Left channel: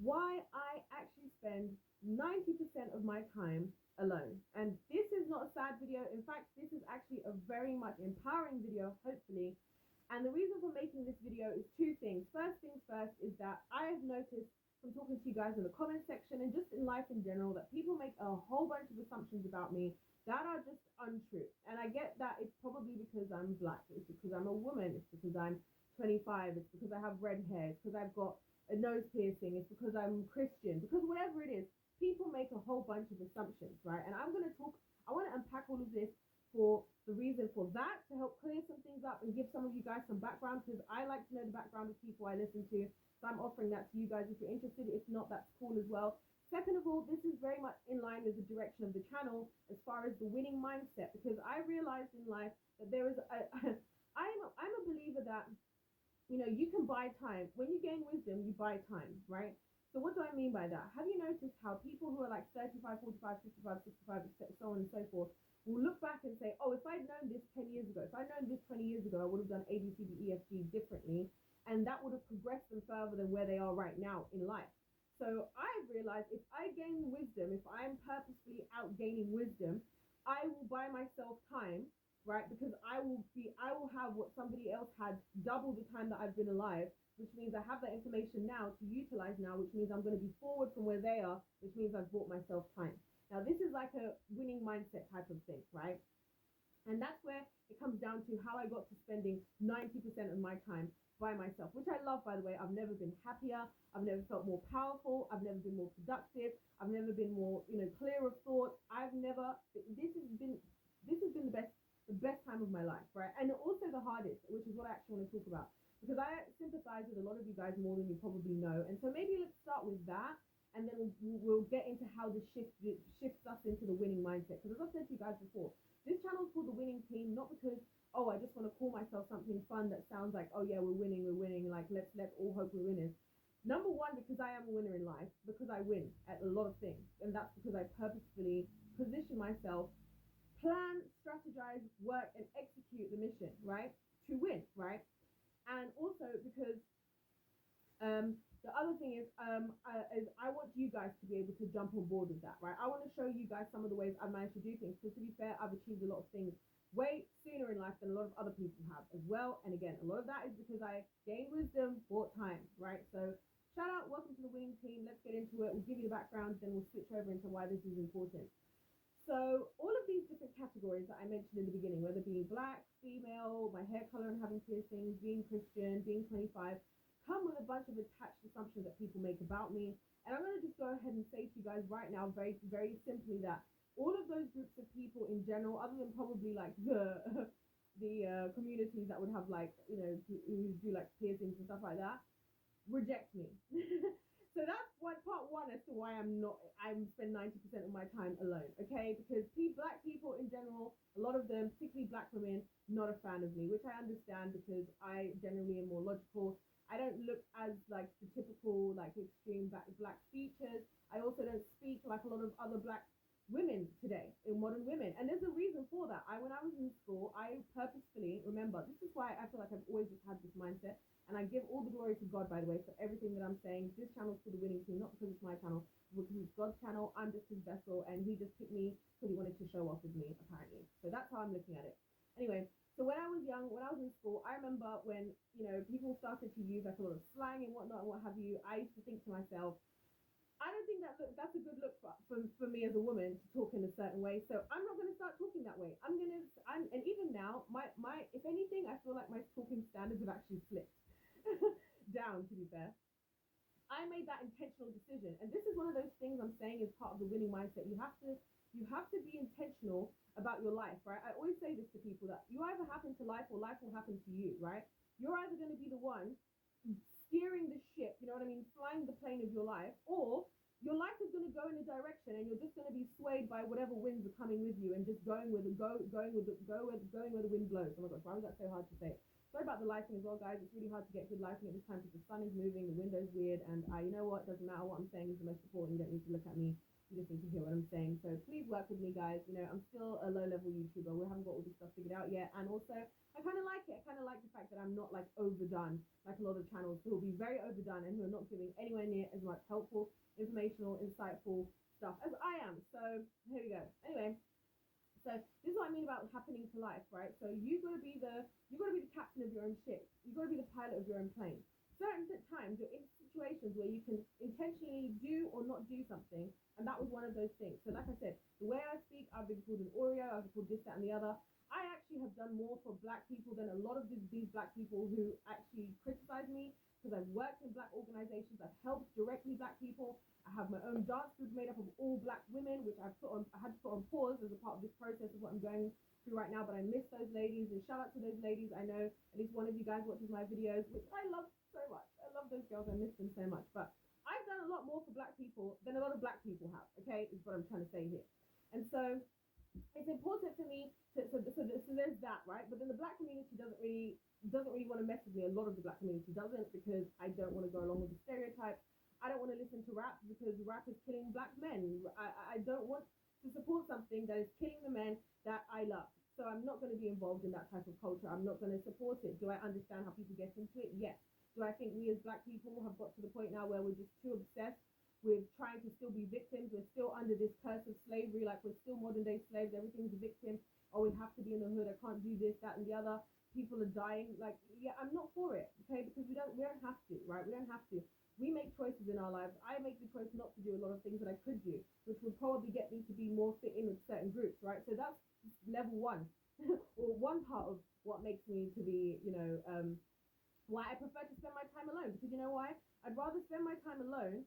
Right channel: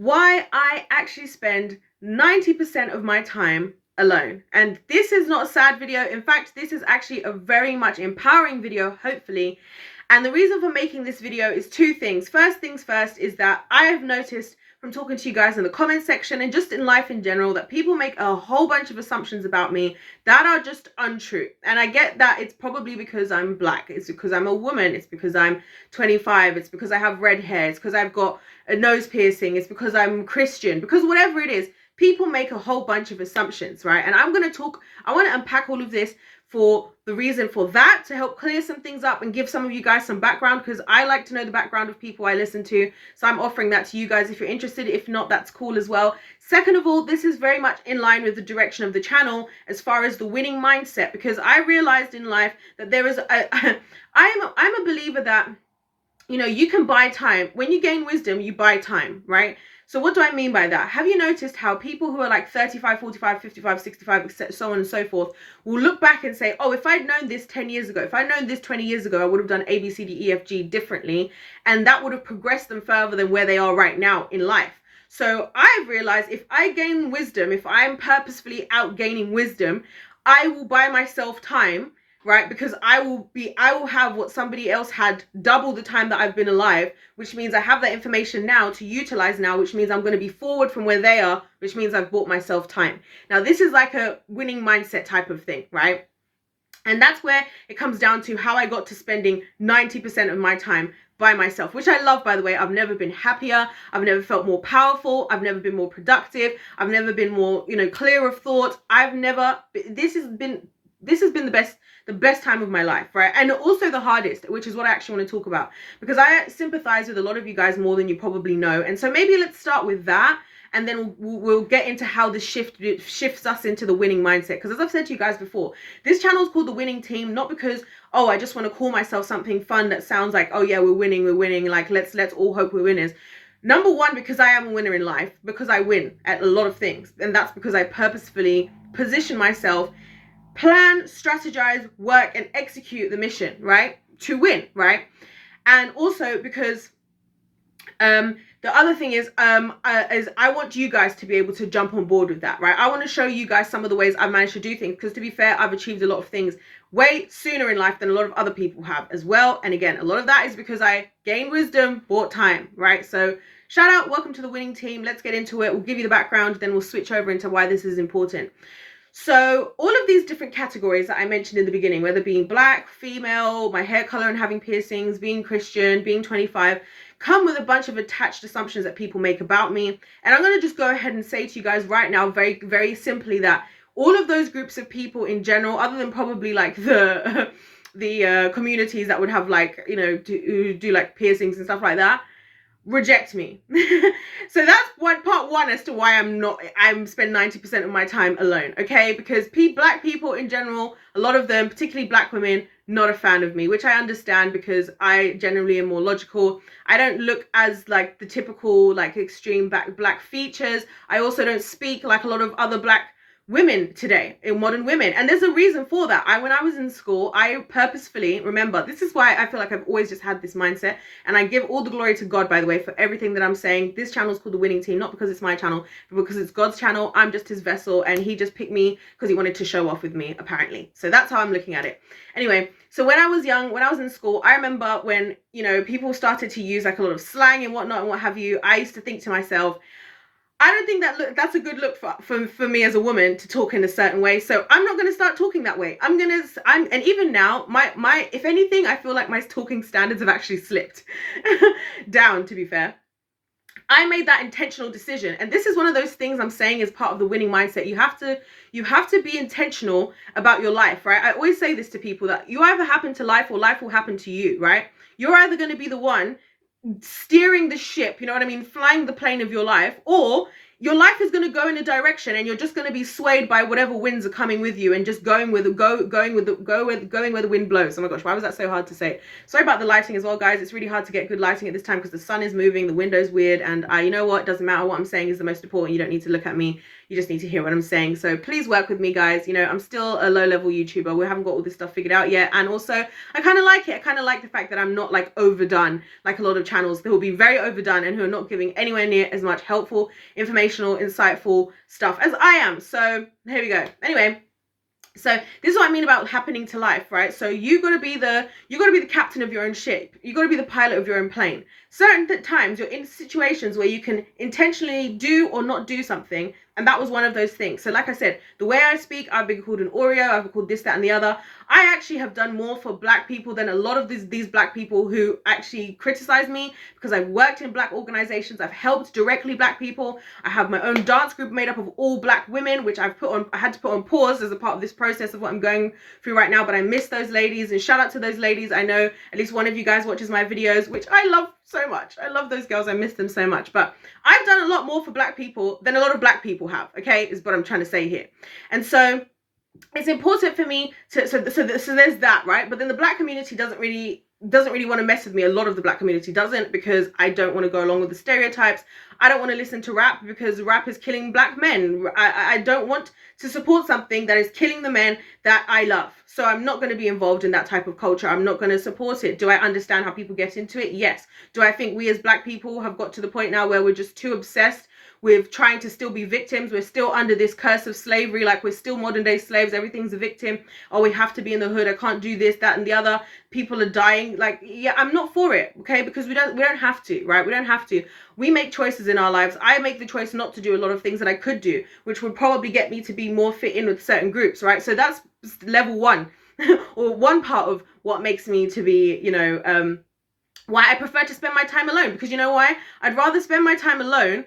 why I actually spend 90% of my time alone. And this is not a sad video. In fact, this is actually a very much empowering video, hopefully. And the reason for making this video is two things. First things first is that I have noticed from talking to you guys in the comment section and just in life in general that people make a whole bunch of assumptions about me that are just untrue. And I get that it's probably because I'm black, it's because I'm a woman, it's because I'm 25, it's because I have red hair, it's because I've got a nose piercing, it's because I'm Christian, because whatever it is, people make a whole bunch of assumptions, right? And I want to unpack all of this for the reason for that, to help clear some things up and give some of you guys some background, because I like to know the background of people I listen to. So I'm offering that to you guys if you're interested. If not, that's cool as well. Second of all, this is very much in line with the direction of the channel as far as the winning mindset, because I realized in life that there is I'm a believer that, you know, you can buy time. When you gain wisdom, you buy time, right? So what do I mean by that? Have you noticed how people who are like 35, 45, 55, 65, so on and so forth, will look back and say, oh, if I'd known this 10 years ago, if I'd known this 20 years ago, I would have done A, B, C, D, E, F, G differently. And that would have progressed them further than where they are right now in life. So I've realized if I gain wisdom, if I'm purposefully out gaining wisdom, I will buy myself time, right? Because I will have what somebody else had double the time that I've been alive, which means I have that information now to utilize now, which means I'm going to be forward from where they are, which means I've bought myself time. Now, this is like a winning mindset type of thing, right? And that's where it comes down to how I got to spending 90% of my time by myself, which I love, by the way. I've never been happier. I've never felt more powerful. I've never been more productive. I've never been more, clear of thought. This has been the best time of my life, right? And also the hardest, which is what I actually want to talk about, because I sympathize with a lot of you guys more than you probably know. And so maybe let's start with that, and then we'll get into how this shifts us into the winning mindset. Because as I've said to you guys before, this channel is called The Winning Team, not because, oh, I just want to call myself something fun that sounds like, oh yeah, we're winning, like let's all hope we're winners. Number one, because I am a winner in life, because I win at a lot of things. And that's because I purposefully position myself, plan, strategize, work, and execute the mission, right? To win, right? And also because the other thing is I want you guys to be able to jump on board with that, right? I want to show you guys some of the ways I've managed to do things, because to be fair, I've achieved a lot of things way sooner in life than a lot of other people have as well. And again, a lot of that is because I gained wisdom, bought time, right? So shout out, welcome to the winning team. Let's get into it. We'll give you the background, then we'll switch over into why this is important. So all of these different categories that I mentioned in the beginning, whether being black, female, my hair color and having piercings, being Christian, being 25, come with a bunch of attached assumptions that people make about me. And I'm going to just go ahead and say to you guys right now, very, very simply, that all of those groups of people in general, other than probably like the communities that would have like, do like piercings and stuff like that, reject me. So that's part one as to why I'm spend 90% of my time alone, okay? Because black people in general, a lot of them, particularly black women, not a fan of me, which I understand, because I generally am more logical. I don't look as like the typical like extreme black features. I also don't speak like a lot of other black women today, in modern women, and there's a reason for that. When I was in school, I purposefully, remember, this is why I feel like I've always just had this mindset, and I give all the glory to God, by the way, for everything that I'm saying. This channel is called The Winning Team, not because it's my channel, but because it's God's channel. I'm just his vessel, and he just picked me because he wanted to show off with me, apparently. So that's how I'm looking at it. Anyway, so when I was young, when I was in school, I remember when, people started to use like a lot of slang and whatnot and what have you. I used to think to myself, I don't think that's a good look for me as a woman to talk in a certain way. So I'm not going to start talking that way. And even now, my if anything, I feel like my talking standards have actually slipped down, to be fair. I made that intentional decision. And this is one of those things I'm saying is part of the winning mindset. You have to be intentional about your life, right? I always say this to people, that you either happen to life or life will happen to you, right? You're either going to be the one steering the ship, you know what I mean, flying the plane of your life, or your life is going to go in a direction, and you're just going to be swayed by whatever winds are coming with you, and just going where the wind blows. Oh my gosh, why was that so hard to say? Sorry about the lighting as well, guys. It's really hard to get good lighting at this time because the sun is moving, the window's weird, and you know what, it doesn't matter what I'm saying is the most important. You don't need to look at me, you just need to hear what I'm saying. So please work with me, guys. You know, I'm still a low-level YouTuber. We haven't got all this stuff figured out yet, and also I kind of like it. I kind of like the fact that I'm not like overdone like a lot of channels that will be very overdone and who are not giving anywhere near as much helpful, informational, insightful stuff as I am. So here we go. Anyway, so this is what I mean about happening to life, right? So you gotta be the captain of your own ship. You gotta be the pilot of your own plane. Certain times you're in situations where you can intentionally do or not do something, and that was one of those things. So like I said, the way I speak, I've been called an Oreo, I've been called this, that, and the other. I actually have done more for Black people than a lot of these Black people who actually criticize me, because I've worked in Black organizations, I've helped directly Black people. I have my own dance group made up of all Black women, which I had to put on pause as a part of this process of what I'm going through right now, but I miss those ladies, and shout out to those ladies. I know at least one of you guys watches my videos, which I love so much. I love those girls, I miss them so much. But I've done a lot more for Black people than a lot of Black people have, okay, is what I'm trying to say here. And so it's important for me to so there's that, right? But then the Black community doesn't really want to mess with me. A lot of the Black community doesn't, because I don't want to go along with the stereotypes. I don't want to listen to rap because rap is killing Black men. I don't want to support something that is killing the men that I love. So I'm not going to be involved in that type of culture. I'm not going to support it. Do I understand how people get into it? Yes. Do I think we as Black people have got to the point now where we're just too obsessed with trying to still be victims? We're still under this curse of slavery, like we're still modern day slaves, everything's a victim. Oh, we have to be in the hood, I can't do this, that, and the other, people are dying. Like, yeah, I'm not for it, okay? Because we don't have to, right? We don't have to. We make choices in our lives. I make the choice not to do a lot of things that I could do, which would probably get me to be more fit in with certain groups, right? So that's level one or one part of what makes me to be, you know, why I prefer to spend my time alone. Because you know why? I'd rather spend my time alone,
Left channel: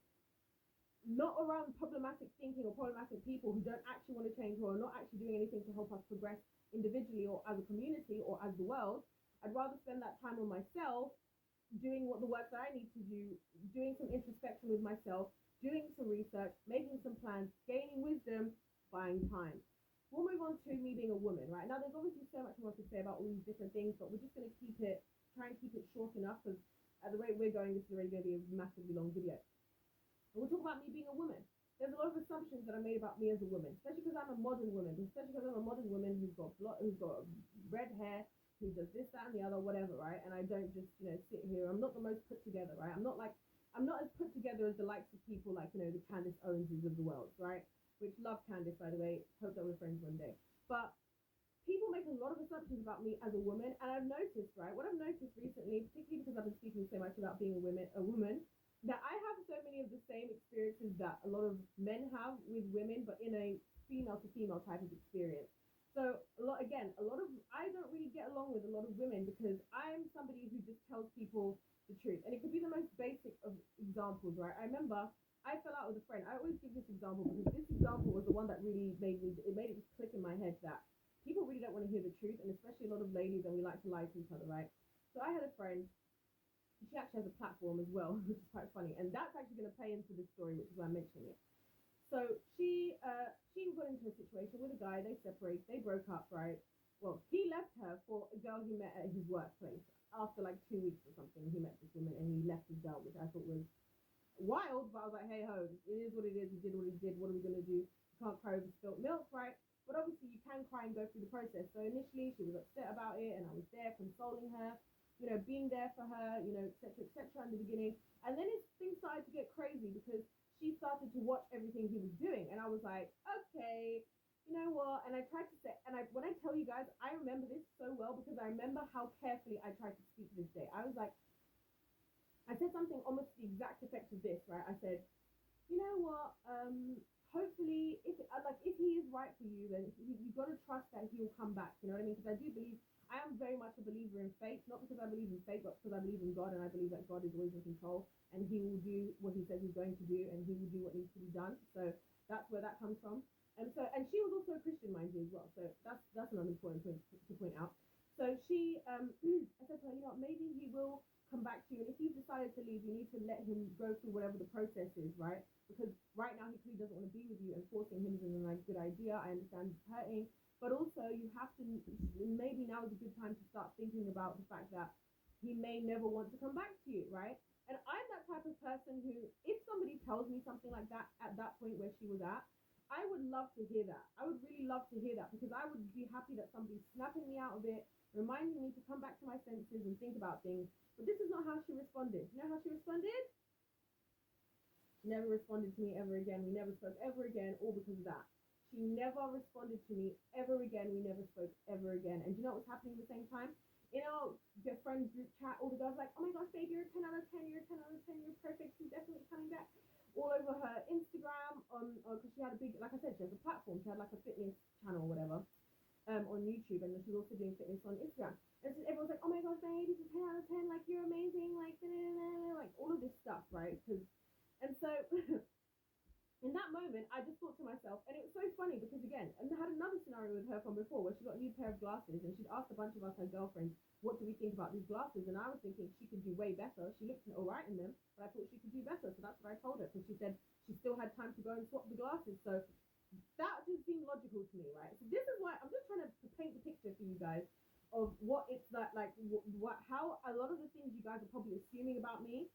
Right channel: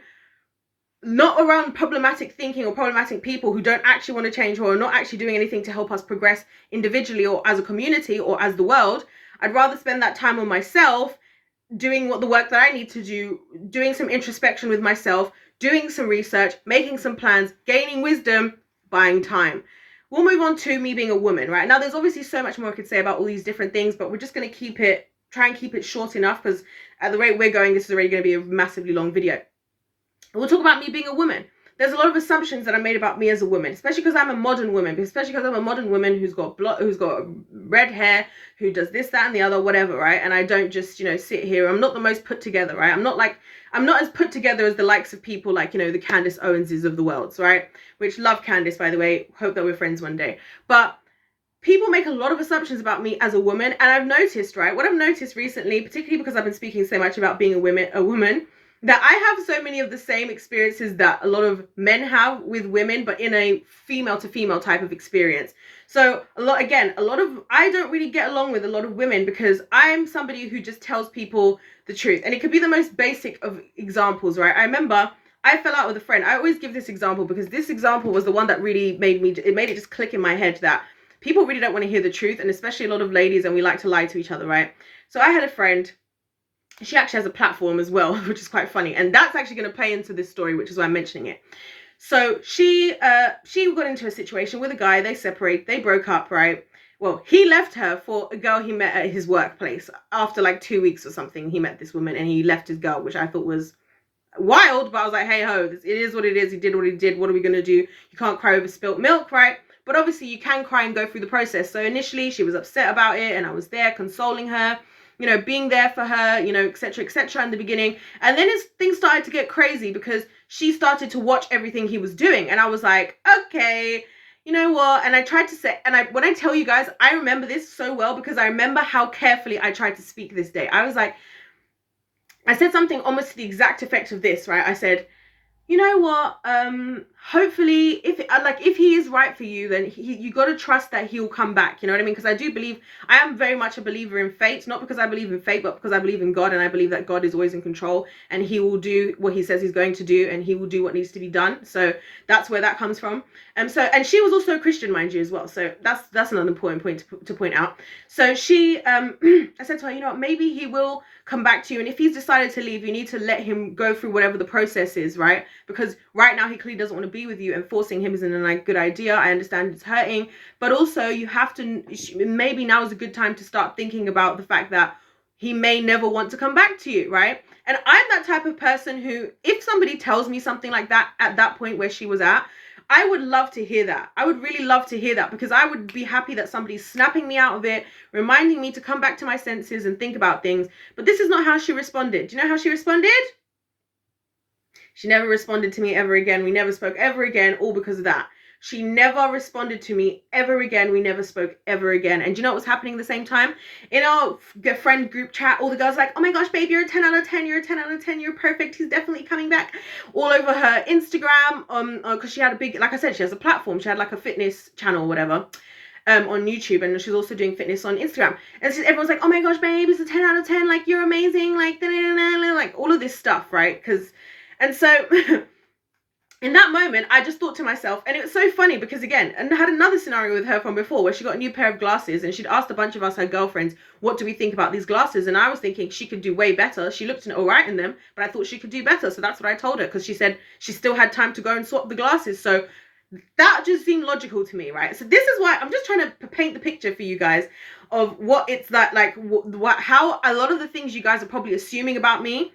not around problematic thinking or problematic people who don't actually want to change, or are not actually doing anything to help us progress individually or as a community or as the world. I'd rather spend that time on myself, doing the work that I need to do, doing some introspection with myself, doing some research, making some plans, gaining wisdom, buying time. We'll move on to me being a woman, right? Now, there's obviously so much more I could say about all these different things, but we're just going to try and keep it short enough, because at the rate we're going, this is already going to be a massively long video. We'll talk about me being a woman. There's a lot of assumptions that are made about me as a woman, especially because I'm a modern woman, who's got red hair, who does this, that, and the other, whatever, right? And I don't just, you know, sit here. I'm not the most put together, right? I'm not as put together as the likes of people like, you know, the Candace Owenses of the world, right? Which, love Candace, by the way. Hope that we're friends one day. But people make a lot of assumptions about me as a woman, and I've noticed, right? What I've noticed recently, particularly because I've been speaking so much about being a woman, that I have so many of the same experiences that a lot of men have with women, but in a female to female type of experience. So I don't really get along with a lot of women, because I'm somebody who just tells people the truth. And it could be the most basic of examples, right? I remember I fell out with a friend. I always give this example because this example was the one that really made it just click in my head that people really don't want to hear the truth, and especially a lot of ladies, and we like to lie to each other, right? So I had a friend. She actually has a platform as well, which is quite funny, and that's actually going to play into this story, which is why I'm mentioning it. So she got into a situation with a guy. They broke up, right? Well, he left her for a girl he met at his workplace. After like 2 weeks or something, he met this woman and he left his girl, which I thought was wild, but I was like, hey ho, it is what it is. He did what he did. What are we going to do? You can't cry over spilt milk, right? But obviously you can cry and go through the process. So initially she was upset about it, and I was there consoling her, you know, being there for her, you know, etc., etc. in the beginning. And then things started to get crazy because she started to watch everything he was doing. And I was like, okay, you know what? And I tried to say, and when I tell you guys, I remember this so well because I remember how carefully I tried to speak this day. I was like, I said something almost to the exact effect of this, right? I said, you know what? hopefully, if he is right for you, then you got to trust that he'll come back. You know what I mean? Because I do believe, I am very much a believer in fate, not because I believe in fate, but because I believe in God, and I believe that God is always in control, and he will do what he says he's going to do, and he will do what needs to be done. So that's where that comes from. And she was also a Christian, mind you, as well. So that's another important point to point out. So she, I said to her, you know what, maybe he will come back to you, and if he's decided to leave, you need to let him go through whatever the process is, right? Because right now he clearly doesn't want to be with you, and forcing him isn't a good idea. I understand it's hurting, but also you have to, maybe now is a good time to start thinking about the fact that he may never want to come back to you, right? And I'm that type of person who, if somebody tells me something like that at that point where she was at, I would love to hear that. I would really love to hear that, because I would be happy that somebody's snapping me out of it, reminding me to come back to my senses and think about things. But this is not how she responded. Do you know how she responded? She never responded to me ever again. We never spoke ever again, all because of that. She never responded to me ever again. We never spoke ever again. And do you know what was happening at the same time? In our friend group chat, all the girls like, oh my gosh, babe, you're a 10 out of 10. You're a 10 out of 10. You're perfect. He's definitely coming back. All over her Instagram, because she had a big, like I said, she has a platform. She had like a fitness channel or whatever. On YouTube, and she's also doing fitness on Instagram. And everyone's like, oh my gosh, babe, it's a 10 out of 10. Like, you're amazing. Like, like all of this stuff, right? And so in that moment, I just thought to myself, and it was so funny because, again, and I had another scenario with her from before where she got a new pair of glasses, and she'd asked a bunch of us, her girlfriends, what do we think about these glasses? And I was thinking she could do way better. She looked all right in them, but I thought she could do better. So that's what I told her, because she said she still had time to go and swap the glasses. So that just seemed logical to me, right? So this is why I'm just trying to paint the picture for you guys of what it's like how a lot of the things you guys are probably assuming about me,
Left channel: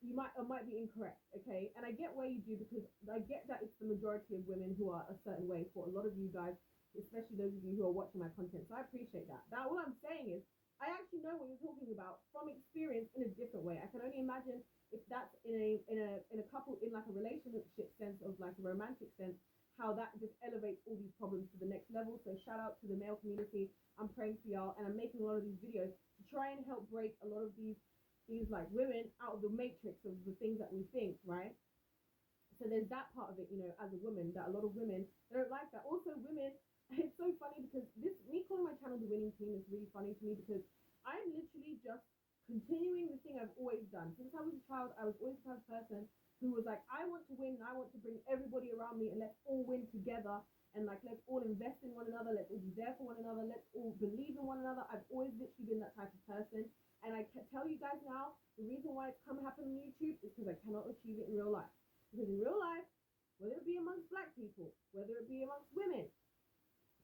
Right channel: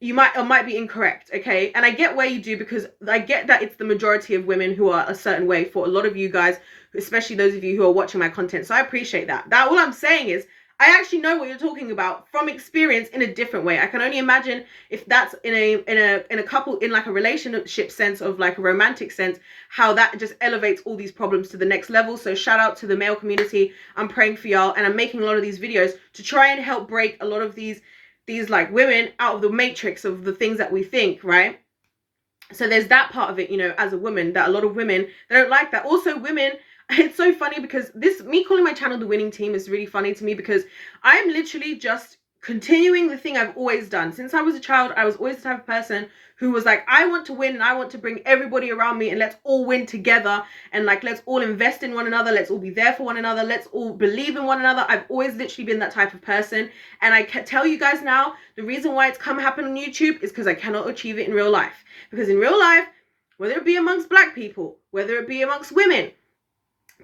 you might be incorrect, okay? And I get where you do, because I get that it's the majority of women who are a certain way for a lot of you guys, especially those of you who are watching my content. So I appreciate that. All I'm saying is, I actually know what you're talking about from experience in a different way. I can only imagine if that's in a couple, in like a relationship sense, of like a romantic sense, how that just elevates all these problems to the next level. So shout out to the male community. I'm praying for y'all, and I'm making a lot of these videos to try and help break a lot of these like women out of the matrix of the things that we think, right? So there's that part of it, you know, as a woman, that a lot of women, they don't like that. Also, women, it's so funny because me calling my channel The Winning Team is really funny to me, because I'm literally just continuing the thing I've always done. Since I was a child, I was always the type of person who was like, I want to win, and I want to bring everybody around me, and let's all win together, and like, let's all invest in one another, let's all be there for one another, let's all believe in one another. I've always literally been that type of person, and I can tell you guys now, the reason why it's come happen on YouTube is because I cannot achieve it in real life. Because in real life, whether it be amongst black people, whether it be amongst women,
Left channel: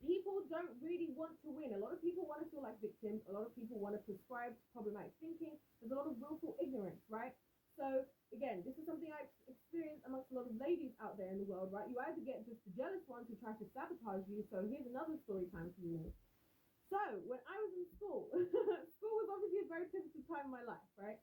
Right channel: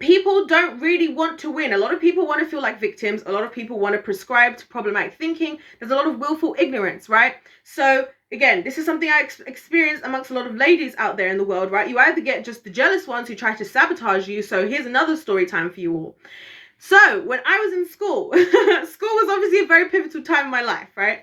people don't really want to win. A lot of people want to feel like victims. A lot of people want to prescribe to problematic thinking. There's a lot of willful ignorance, right? So again, this is something I experienced amongst a lot of ladies out there in the world, right? You either get just the jealous ones who try to sabotage you. So here's another story time for you all. So when I was in school, school was obviously a very pivotal time in my life, right?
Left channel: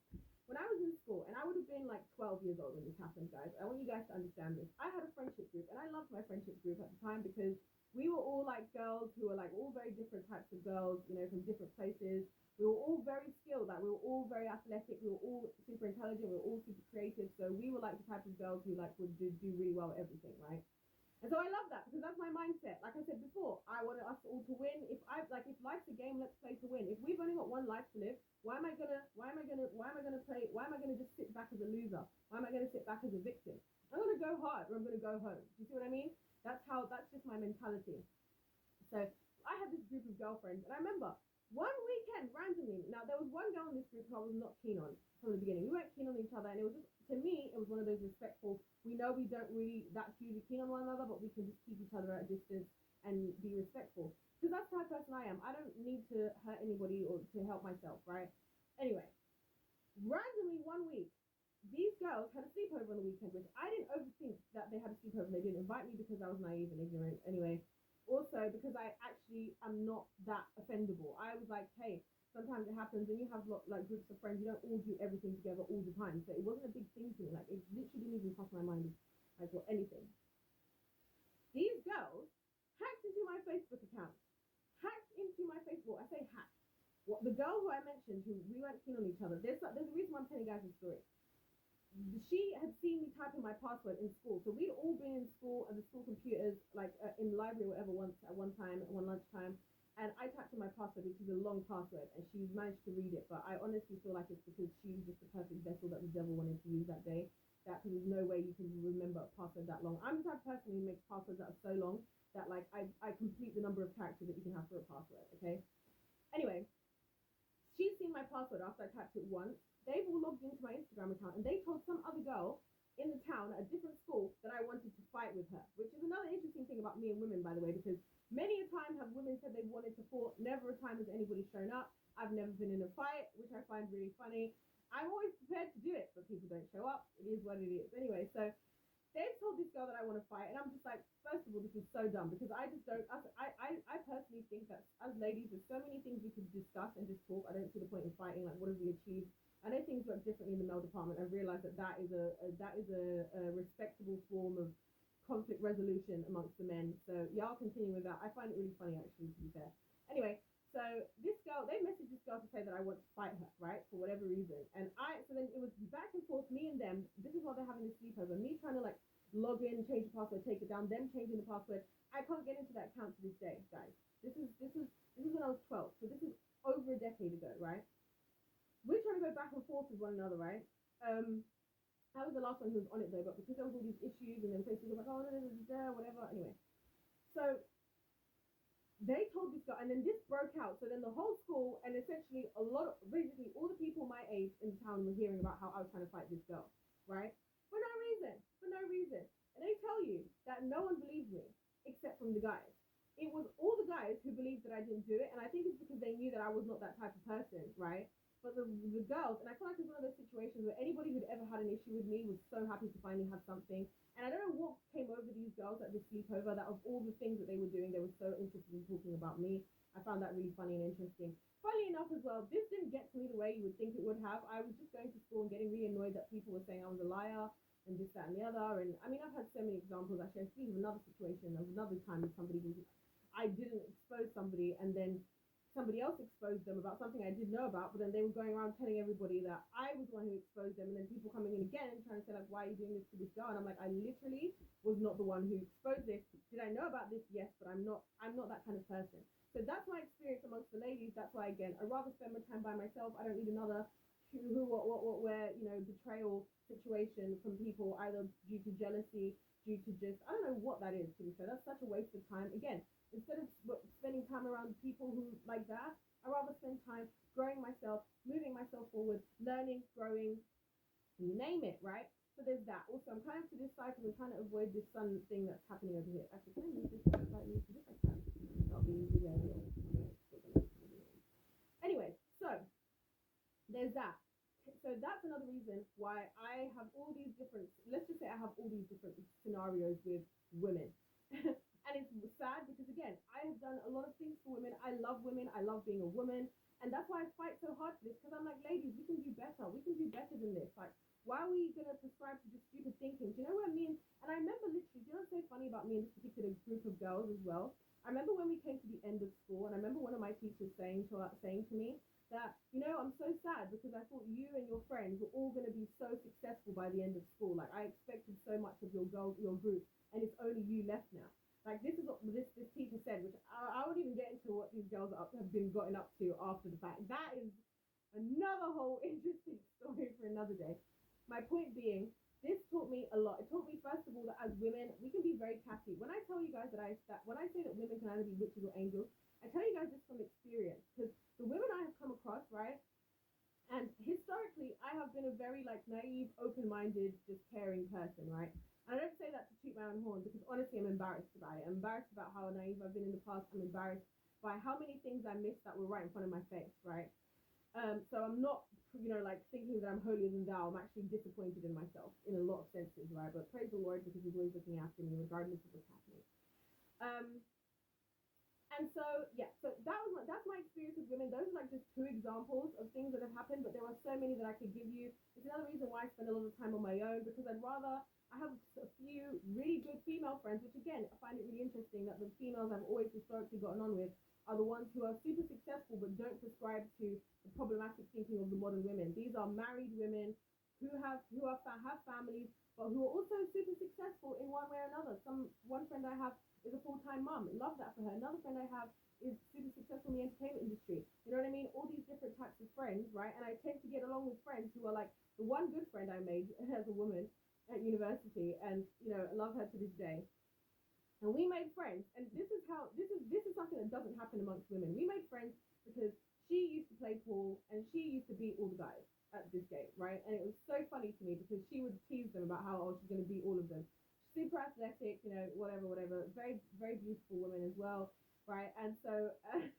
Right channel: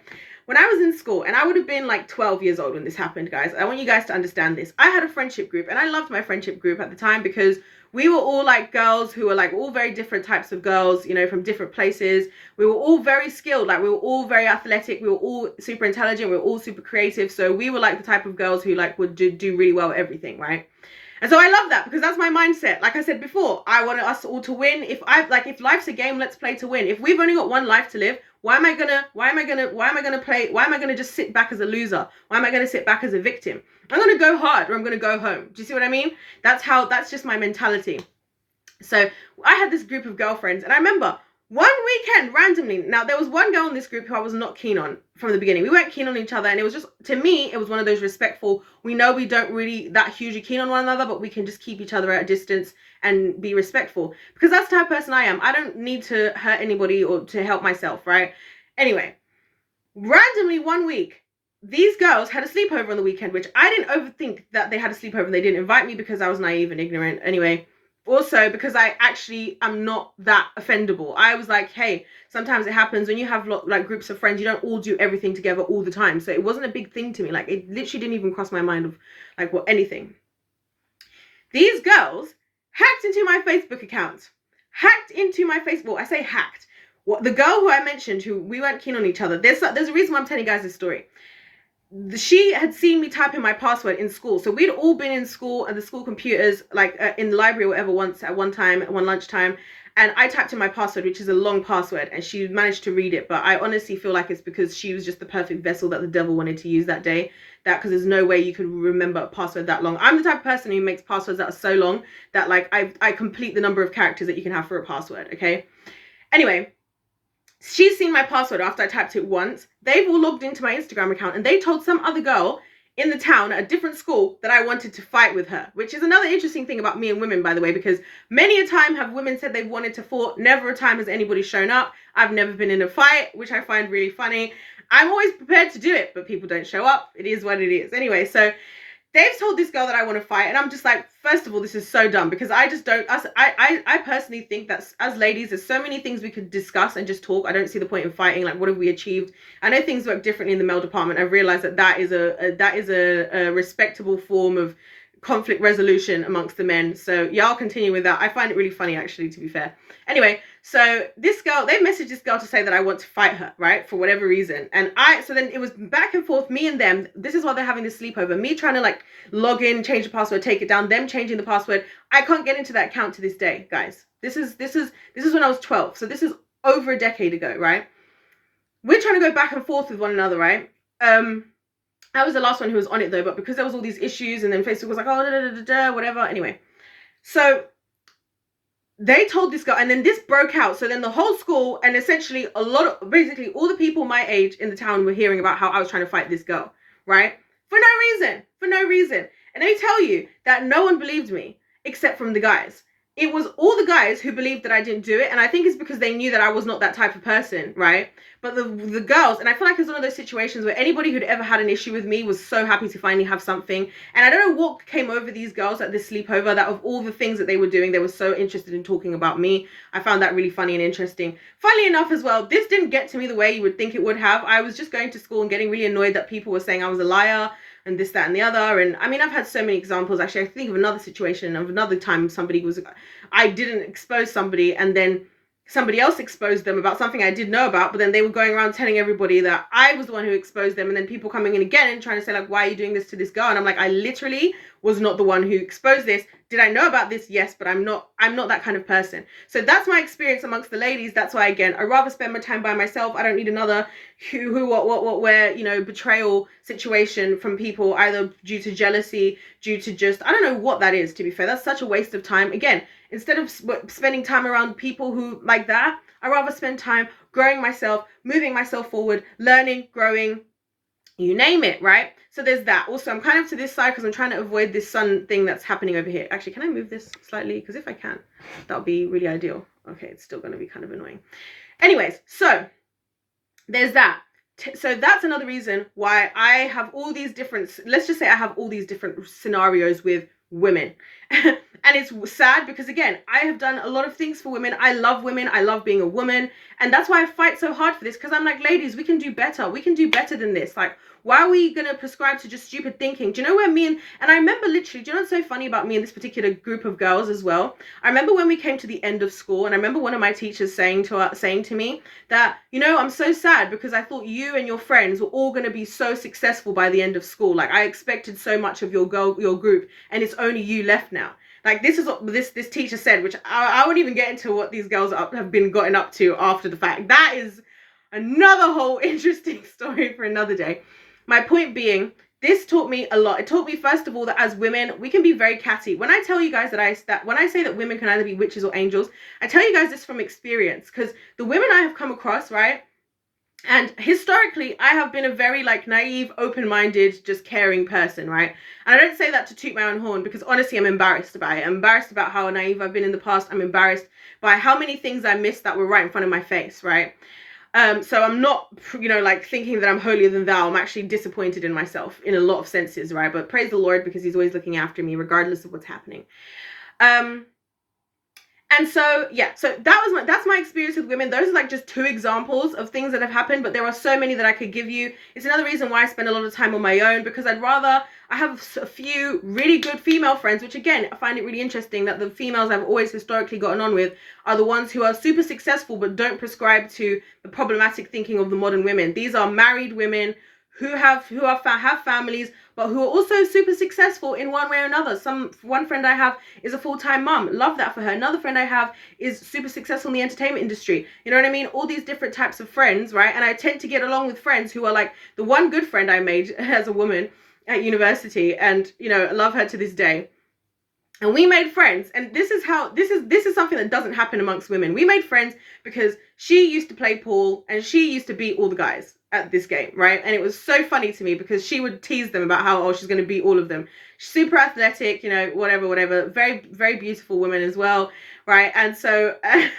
When I was in school, and I would have been like 12 years old when this happened, guys. I want you guys to understand this. I had a friendship group, and I loved my friendship group at the time, because we were all like girls who were like all very different types of girls, you know, from different places. We were all very skilled. Like, we were all very athletic. We were all super intelligent. We were all super creative. So we were like the type of girls who like would do really well at everything, right? And so I love that, because that's my mindset. Like I said before, I want us all to win. If life's a game, let's play to win. If we've only got one life to live, why am I gonna just sit back as a loser? Why am I gonna sit back as a victim? I'm gonna go hard, or I'm gonna go home. Do you see what I mean? That's just my mentality. So I had this group of girlfriends, and I remember one weekend randomly, now there was one girl in this group who I was not keen on from the beginning. We weren't keen on each other, and it was just, to me, it was one of those respectful, we know we don't really that hugely keen on one another, but we can just keep each other at a distance and be respectful, because that's the type of person I am. I don't need to hurt anybody or to help myself, right? Anyway, randomly one week, these girls had a sleepover on the weekend, which I didn't overthink that they had a sleepover. They didn't invite me because I was naive and ignorant. Anyway, also because I actually am not that offendable. I was like, hey, sometimes it happens when you have like groups of friends, you don't all do everything together all the time. So it wasn't a big thing to me. Like, it literally didn't even cross my mind of like anything. These girls hacked into my Facebook account. I say hacked. What, the girl who I mentioned, who we weren't keen on each other, there's a reason why I'm telling you guys this story. she had seen me type in my password in school. So we'd all been in school and the school computers, like in the library or whatever, once at one time, at one lunchtime. And I typed in my password, which is a long password, and she managed to read it. But I honestly feel like it's because she was just the perfect vessel that the devil wanted to use that day. That because there's no way you could remember a password that long. I'm the type of person who makes passwords that are so long that like I complete the number of characters that you can have for a password. Okay. Anyway, she's seen my password after I typed it once. They've all logged into my Instagram account and they told some other girl in the town at a different school that I wanted to fight with her, which is another interesting thing about me and women, by the way, because many a time have women said they've wanted to fight. Never a time has anybody shown up. I've never been in a fight, which I find really funny. I'm always prepared to do it, but people don't show up. It is what it is. Anyway, so they've told this girl that I want to fight, and I'm just like, first of all, this is so dumb because I just don't. I personally think that as ladies, there's so many things we could discuss and just talk. I don't see the point in fighting. Like, what have we achieved? I know things work differently in the male department. I've realized that is a respectable form of conflict resolution amongst the men. So yeah, I'll continue with that. I find it really funny, actually, to be fair. Anyway, so this girl, they messaged this girl to say that I want to fight her, right? For whatever reason. And so then it was back and forth, me and them. This is why they're having this sleepover. Me trying to like log in, change the password, take it down, them changing the password. I can't get into that account to this day, guys. This is when I was 12. So this is over a decade ago, right? We're trying to go back and forth with one another, right? I was the last one who was on it though, but because there was all these issues and then Facebook was like, oh, whatever. Anyway, so they told this girl, and then this broke out. So then the whole school and essentially basically all the people my age in the town were hearing about how I was trying to fight this girl, right? For no reason. And they tell you that no one believed me except from the guys. It was all the guys who believed that I didn't do it. And I think it's because they knew that I was not that type of person, right? But the girls, and I feel like it's one of those situations where anybody who'd ever had an issue with me was so happy to finally have something. And I don't know what came over these girls at this sleepover, that of all the things that they were doing, they were so interested in talking about me. I found that really funny and interesting. Funnily enough as well, this didn't get to me the way you would think it would have. I was just going to school and getting really annoyed that people were saying I was a liar and this, that, and the other. And I mean, I've had so many examples. Actually, I think of another situation of another time I didn't expose somebody and then somebody else exposed them about something I did know about, but then they were going around telling everybody that I was the one who exposed them, and then people coming in again and trying to say like, why are you doing this to this girl? And I'm like, I literally was not the one who exposed this. Did I know about this? Yes, but I'm not that kind of person. So that's my experience amongst the ladies. That's why, again, I'd rather spend my time by myself. I don't need another who, what, where, betrayal situation from people, either due to jealousy, due to just, I don't know what that is, to be fair. That's such a waste of time. Again, instead of spending time around people who like that, I'd rather spend time growing myself, moving myself forward, learning, growing, you name it, right? So there's that. Also, I'm kind of to this side because I'm trying to avoid this sun thing that's happening over here. Actually, can I move this slightly? Because if I can, that would be really ideal. Okay, it's still going to be kind of annoying. Anyways, so there's that. So that's another reason why I have all these different, let's just say I have all these different scenarios with women. And it's sad because, again, I have done a lot of things for women. I love women. I love being a woman. And that's why I fight so hard for this, because I'm like, ladies, we can do better. We can do better than this. Like, why are we going to prescribe to just stupid thinking? Do you know where me and I remember literally, do you know what's so funny about me and this particular group of girls as well? I remember when we came to the end of school, and I remember one of my teachers saying to me that, I'm so sad because I thought you and your friends were all going to be so successful by the end of school. Like, I expected so much of your group, and it's only you left now. Like, this is what this teacher said, which I won't even get into what these girls have been gotten up to after the fact. That is another whole interesting story for another day. My point being, this taught me a lot. It taught me, first of all, that as women, we can be very catty. When I tell you guys that when I say that women can either be witches or angels, I tell you guys this from experience, because the women I have come across, right? And historically, I have been a very naive, open-minded, just caring person, right? And I don't say that to toot my own horn, because honestly, I'm embarrassed about it. I'm embarrassed about how naive I've been in the past. I'm embarrassed by how many things I missed that were right in front of my face, right? So I'm not, thinking that I'm holier than thou. I'm actually disappointed in myself in a lot of senses, right? But praise the Lord, because he's always looking after me, regardless of what's happening. And so, yeah, so that's my experience with women. Those are just two examples of things that have happened, but there are so many that I could give you. It's another reason why I spend a lot of time on my own, because I have a few really good female friends, which again, I find it really interesting that the females I've always historically gotten on with are the ones who are super successful, but don't prescribe to the problematic thinking of the modern women. These are married women have families, but who are also super successful in one way or another. One friend I have is a full-time mom. Love that for her. Another friend I have is super successful in the entertainment industry. You know what I mean? All these different types of friends, right? And I tend to get along with friends who are like the one good friend I made as a woman at university, and you know, love her to this day. And we made friends, and this is something that doesn't happen amongst women. We made friends because she used to play pool and she used to beat all the guys at this game, right? And it was so funny to me because she would tease them about how, oh, she's going to beat all of them. She's super athletic, you know, whatever. Very, very beautiful woman as well, right? And so I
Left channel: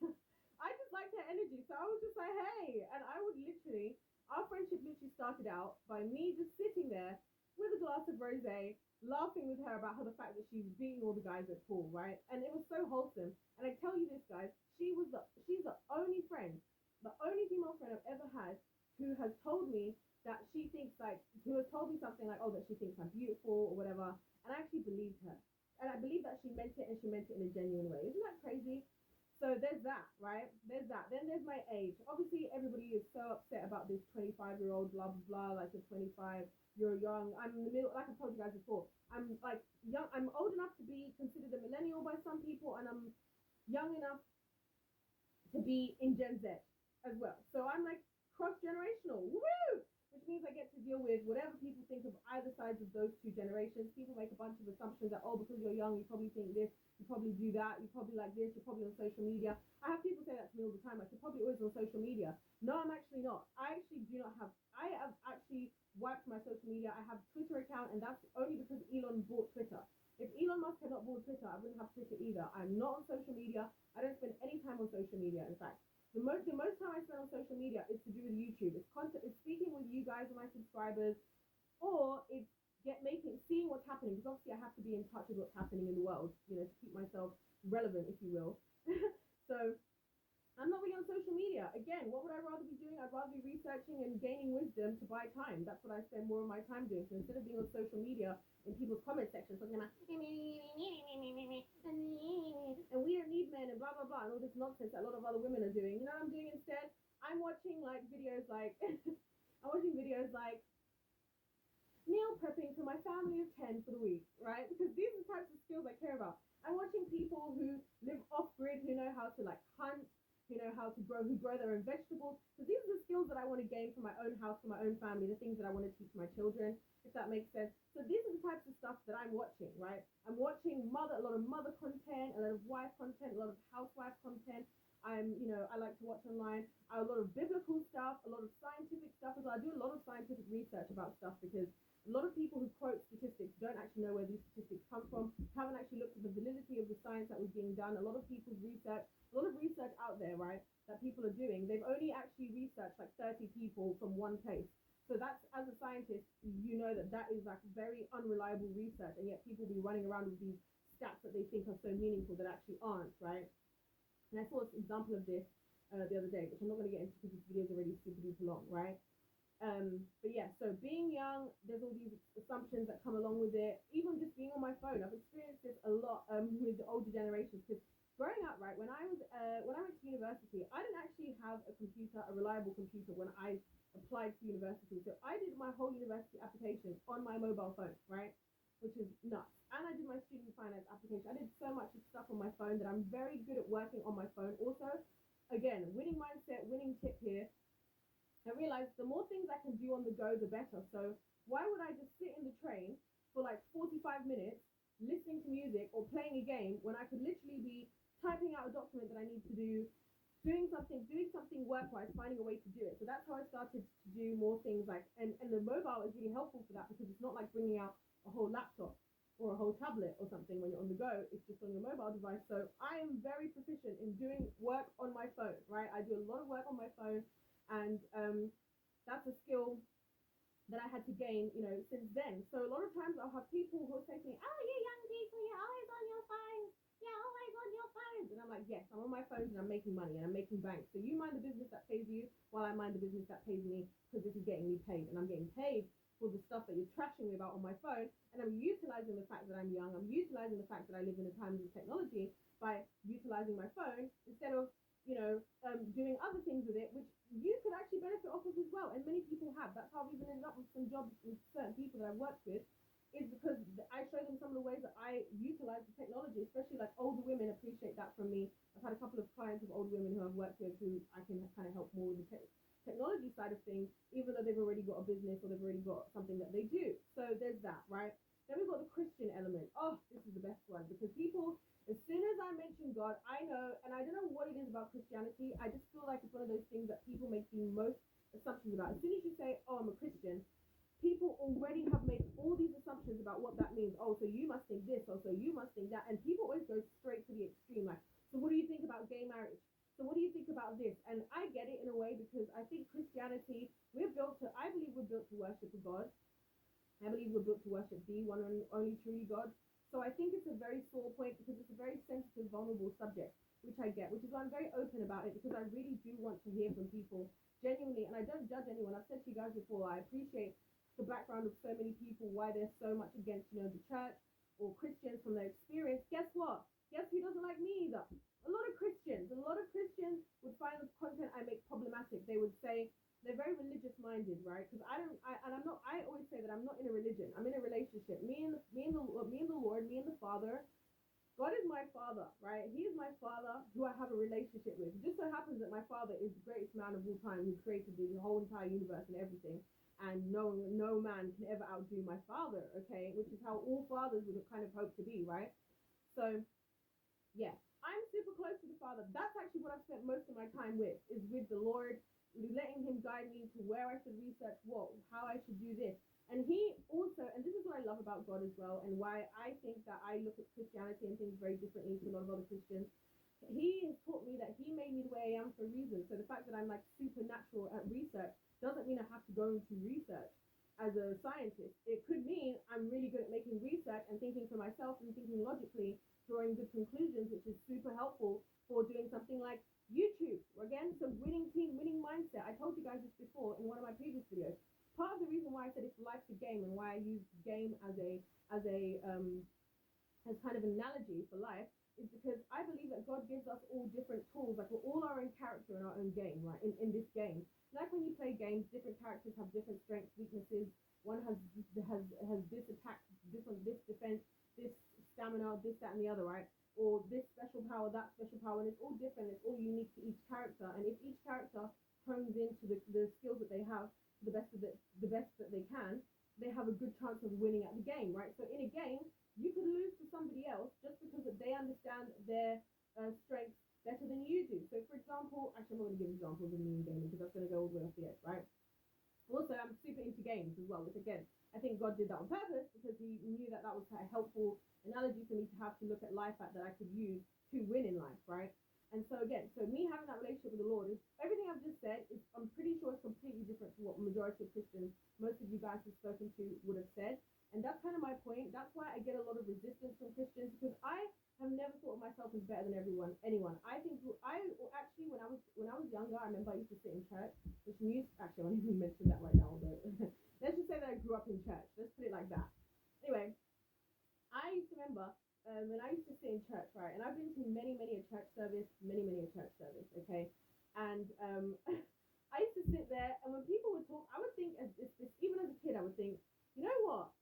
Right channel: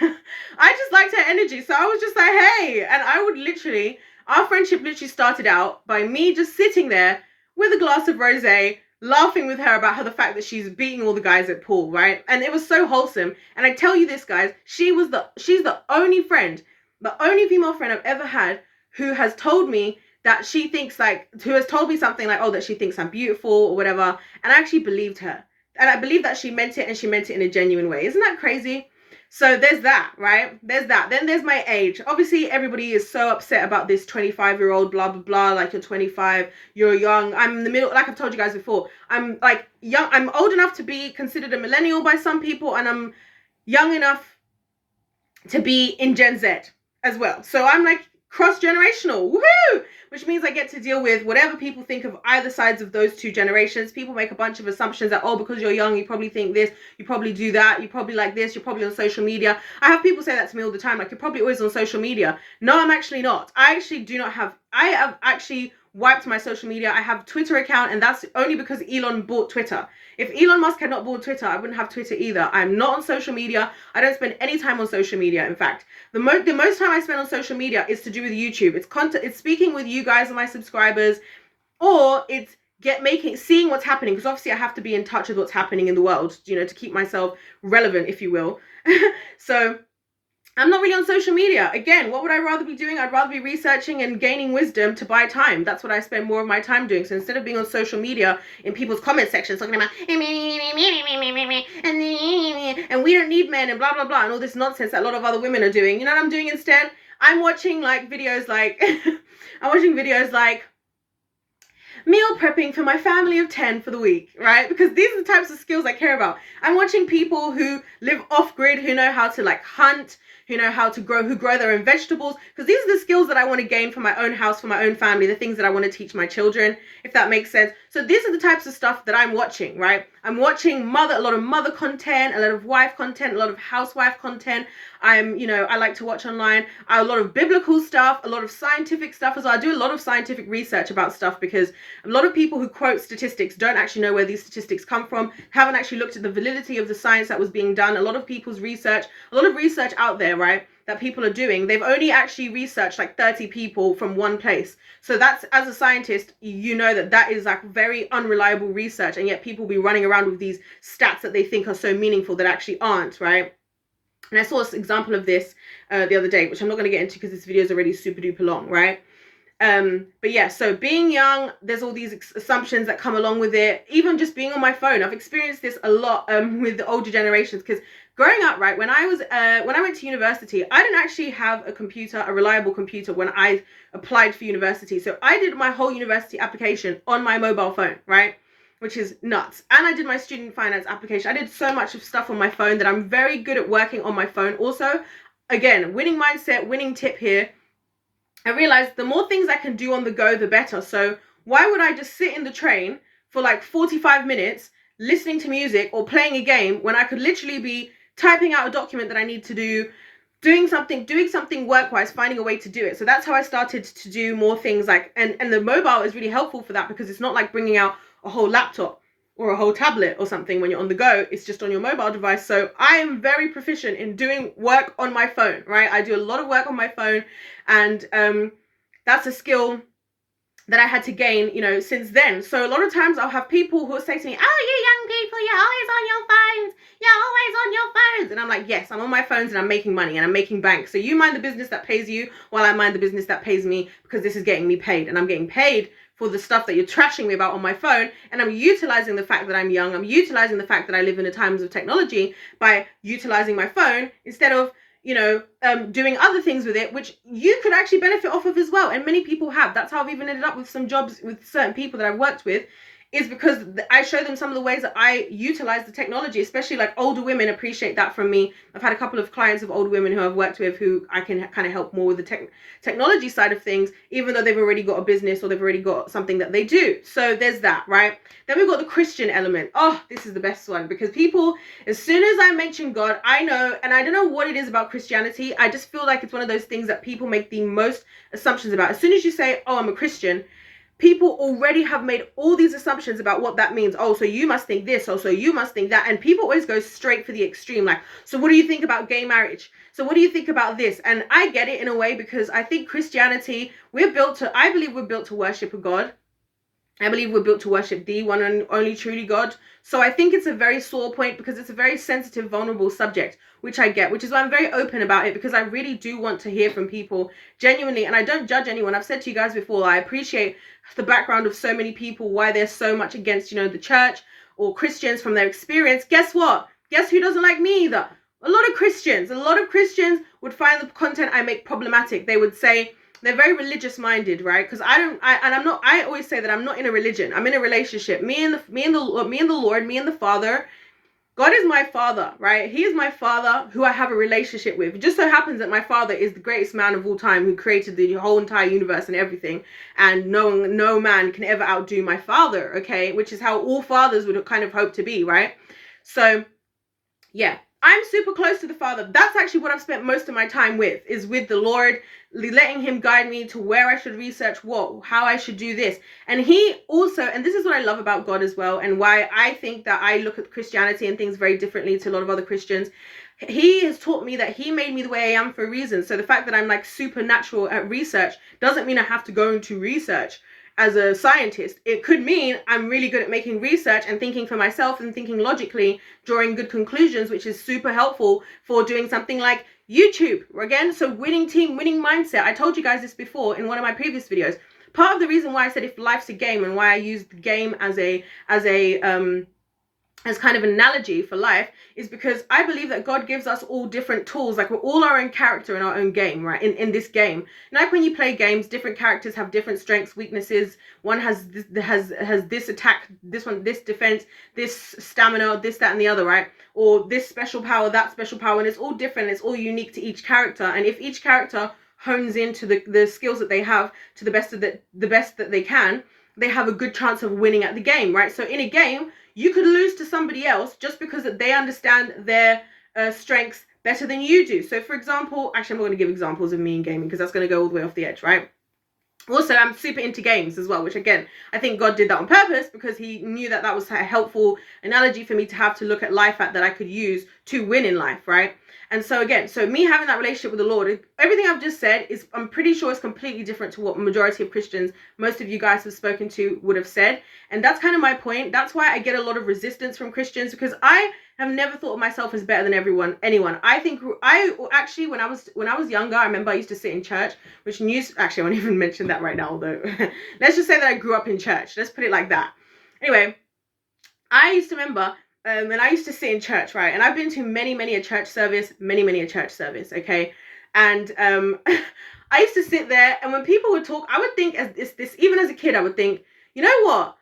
just liked her energy. So I was just like, hey, and I would literally, our friendship literally started out by me just sitting there with a glass of rosé, laughing with her about how the fact that she's beating all the guys at pool, right? And it was so wholesome. And I tell you this, guys, she's the only friend, the only female friend I've ever had who has told me that she thinks like, who has told me something like, oh, that she thinks I'm beautiful or whatever. And I actually believed her. And I believe that she meant it, and she meant it in a genuine way. Isn't that crazy? So there's that, right? There's that. Then there's my age. Obviously, everybody is so upset about this 25-year-old, blah, blah, blah. Like, you're 25, you're young. I'm in the middle, like I've told you guys before. I'm like young. I'm old enough to be considered a millennial by some people, and I'm young enough to be in Gen Z as well. So I'm like cross-generational. Woohoo! Which means I get to deal with whatever people think of either sides of those two generations. People make a bunch of assumptions that, oh, because you're young, you probably think this, you probably do that, you probably like this, you're probably on social media. I have people say that to me all the time, like, you're probably always on social media. No, I'm actually not. I have actually wiped my social media. I have a Twitter account, and that's only because Elon bought Twitter. If Elon Musk had not bought Twitter, I wouldn't have Twitter either. I'm not on social media. I don't spend any time on social media. In fact, the most time I spend on social media is to do with YouTube. It's content. It's speaking with you guys and my subscribers, or it's seeing what's happening, because obviously I have to be in touch with what's happening in the world, you know, to keep myself relevant, if you will. So I'm not really on social media. Again, what would I rather be doing? I'd rather be researching and gaining wisdom to buy time. That's what I spend more of my time doing. So instead of being on social media in people's comment sections talking about and we don't need men and blah blah blah and all this nonsense that a lot of other women are doing, you know what I'm doing instead? I'm watching like videos like meal prepping for my family of 10 for the week, right? Because these are the types of skills I care about. I'm watching people who live off grid, who know how to like hunt, who know how to who grow their own vegetables, because these are the skills that I want to gain for my own house, for my own family, the things that I want to teach my children, if that makes sense. So these are the types of stuff that I'm watching, right? I'm watching a lot of mother content, a lot of wife content, a lot of housewife content. I like to watch online a lot of biblical stuff, a lot of scientific stuff as well. I do a lot of scientific research about stuff, because a lot of people who quote statistics don't actually know where these statistics come from, haven't actually looked at the validity of the science that was being done. A lot of research out there, right, that people are doing, they've only actually researched like 30 people from one place. So that's, as a scientist, you know that is like very unreliable research, and yet people be running around with these stats that they think are so meaningful that actually aren't, right? And I saw an example of this the other day, which I'm not going to get into because this video is already super duper long, right? But yeah, so being young, there's all these assumptions that come along with it. Even just being on my phone, I've experienced this a lot with the older generations, because growing up, right, when I went to university, I didn't actually have a reliable computer when I applied for university. So I did my whole university application on my mobile phone, right? Which is nuts. And I did my student finance application. I did so much of stuff on my phone that I'm very good at working on my phone. Also, again, winning mindset, winning tip here. I realized the more things I can do on the go, the better. So why would I just sit in the train for like 45 minutes listening to music or playing a game when I could literally be typing out a document that I need to do, doing something work-wise, finding a way to do it. So that's how I started to do more things like, and the mobile is really helpful for that, because it's not like bringing out a whole laptop or a whole tablet or something when you're on the go. It's just on your mobile device. So I am very proficient in doing work on my phone, right? I do a lot of work on my phone, and that's a skill that I had to gain, since then. So a lot of times I'll have people who will say to me, oh, you young people, you're always on your phones. You're always on your phones. And I'm like, yes, I'm on my phones and I'm making money and I'm making bank. So you mind the business that pays you while I mind the business that pays me, because this is getting me paid, and I'm getting paid for the stuff that you're trashing me about on my phone. And I'm utilizing the fact that I'm young. I'm utilizing the fact that I live in the times of technology by utilizing my phone instead of, doing other things with it, which you could actually benefit off of as well. And many people have. That's how I've even ended up with some jobs with certain people that I've worked with, is because I show them some of the ways that I utilize the technology, especially like older women appreciate that from me. I've had a couple of clients of older women who I've worked with who I can kind of help more with the technology side of things, even though they've already got a business or they've already got something that they do. So there's that, right? Then we've got the Christian element. Oh, this is the best one, because people, as soon as I mention God, I know, and I don't know what it is about Christianity, I just feel like it's one of those things that people make the most assumptions about. As soon as you say, oh, I'm a Christian, people already have made all these assumptions about what that means. Oh, so you must think this. Oh, so you must think that. And people always go straight for the extreme. Like, so what do you think about gay marriage? So what do you think about this? And I get it in a way, because I think Christianity, I believe we're built to worship a God. I believe we're built to worship the one and only truly God. So I think it's a very sore point, because it's a very sensitive, vulnerable subject, which I get, which is why I'm very open about it, because I really do want to hear from people genuinely. And I don't judge anyone. I've said to you guys before, I appreciate the background of so many people, why they're so much against, the church or Christians from their experience. Guess what? Guess who doesn't like me either? A lot of Christians would find the content I make problematic. They would say, they're very religious minded, right? Because I always say that I'm not in a religion. I'm in a relationship. Me and the Lord, me and the Father. God is my father, right? He is my father who I have a relationship with. It just so happens that my father is the greatest man of all time, who created the whole entire universe and everything. And no man can ever outdo my father, okay? Which is how all fathers would kind of hope to be, right? So, yeah. I'm super close to the Father. That's actually what I've spent most of my time with, is with the Lord, letting him guide me to where I should research how I should do this. And he also, and this is what I love about God as well, and why I think that I look at Christianity and things very differently to a lot of other Christians. He has taught me that he made me the way I am for a reason. So the fact that I'm like supernatural at research doesn't mean I have to go into research as a scientist. It could mean I'm really good at making research and thinking for myself and thinking logically, drawing good conclusions, which is super helpful for doing something like YouTube. Again, so winning team, winning mindset. I told you guys this before in one of my previous videos. Part of the reason why I said if life's a game, and why I used the game as kind of an analogy for life, is because I believe that God gives us all different tools. Like, we're all our own character in our own game, right? In this game, like when you play games, different characters have different strengths, weaknesses. One has this attack, this one this defense, this stamina, this, that, and the other, right? Or this special power, that special power, and it's all different. It's all unique to each character. And if each character hones into the skills that they have to the best that they can, they have a good chance of winning at the game, right? So in a game, you could lose to somebody else just because they understand their strengths better than you do. So for example, actually I'm not going to give examples of me in gaming, because that's going to go all the way off the edge, right? Also, I'm super into games as well, which again, I think God did that on purpose, because he knew that was a helpful analogy for me to have to look at life at, that I could use to win in life, right? And so again, so me having that relationship with the Lord, everything I've just said is, I'm pretty sure it's completely different to what majority of Christians, most of you guys have spoken to, would have said. And that's kind of my point. That's why I get a lot of resistance from Christians, because I have never thought of myself as better than anyone. I think I actually, when I was younger, I remember I used to sit in church, actually I won't even mention that right now, although let's just say that I grew up in church. Let's put it like that. Anyway, I used to remember, and I used to sit in church, right? And I've been to many a church service, okay? And I used to sit there, and when people would talk, I would think, even as a kid, I would think, you know what?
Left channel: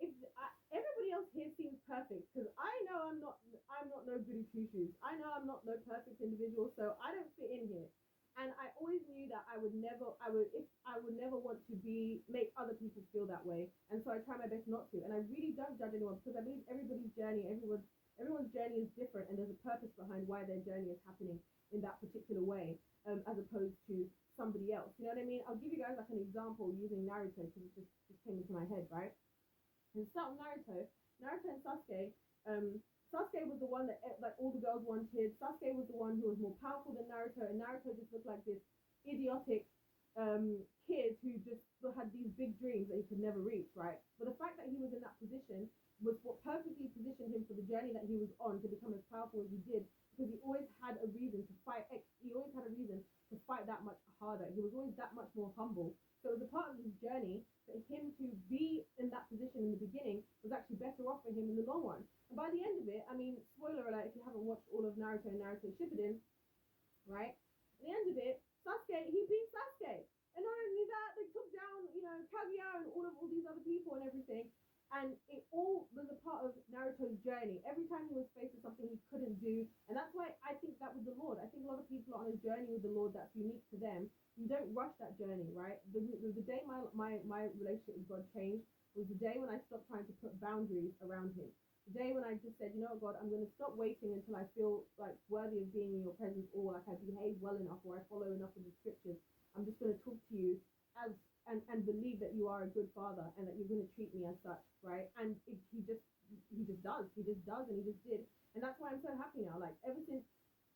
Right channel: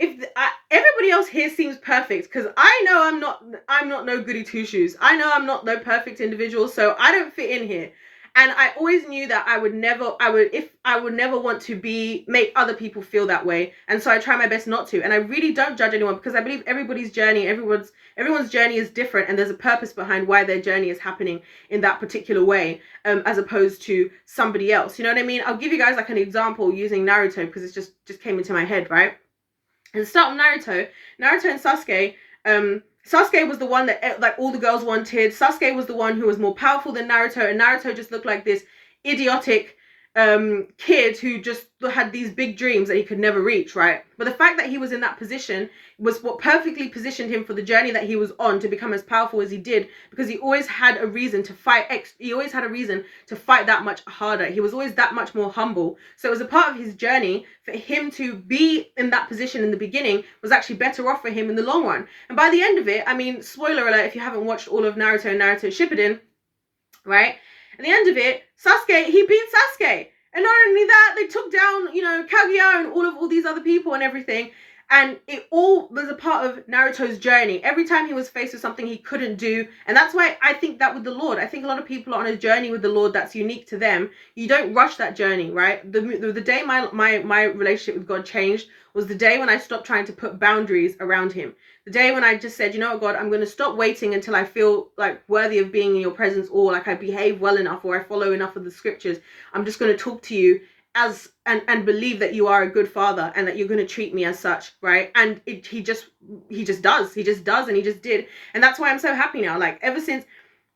If everybody else here seems perfect, because I know I'm not no goody two shoes. I know I'm not no perfect individual, so I don't fit in here. And I always knew that I would never want to make other people feel that way. And so I try my best not to. And I really don't judge anyone, because I believe everybody's journey, everyone's journey is different, and there's a purpose behind why their journey is happening in that particular way, as opposed to somebody else. You know what I mean? I'll give you guys like an example using Naruto, because it just came into my head, right? And start with Naruto and Sasuke. Sasuke was the one that like all the girls wanted. Sasuke was the one who was more powerful than Naruto, and Naruto just looked like this idiotic kid who just had these big dreams that he could never reach, right? But the fact that he was in that position was what perfectly positioned him for the journey that he was on, to become as powerful as he did, because he always had a reason to fight. He always had a reason to fight that much harder. He was always that much more humble. So it was a part of his journey for him to be in that position in the beginning was actually better off for him in the long run. And by the end of it, I mean, spoiler alert, if you haven't watched all of Naruto and Naruto Shippuden, right? At the end of it, Sasuke, he beat Sasuke. And not only that, they took down, Kaguya and all these other people and everything. And it all was a part of Naruto's journey. Every time he was faced with something he couldn't do. And that's why I think that with the Lord, I think a lot of people are on a journey with the Lord that's unique to them. You don't rush that journey, right? The day my relationship with God changed was the day when I stopped trying to put boundaries around him. The day when I just said, you know what, God, I'm going to stop waiting until I feel like worthy of being in your presence, or like I behave well enough, or I follow enough of the scriptures. I'm just going to talk to you as and believe that you are a good father and that you're going to treat me as such, right? And he just does and he just did. And that's why I'm so happy now. Like, ever since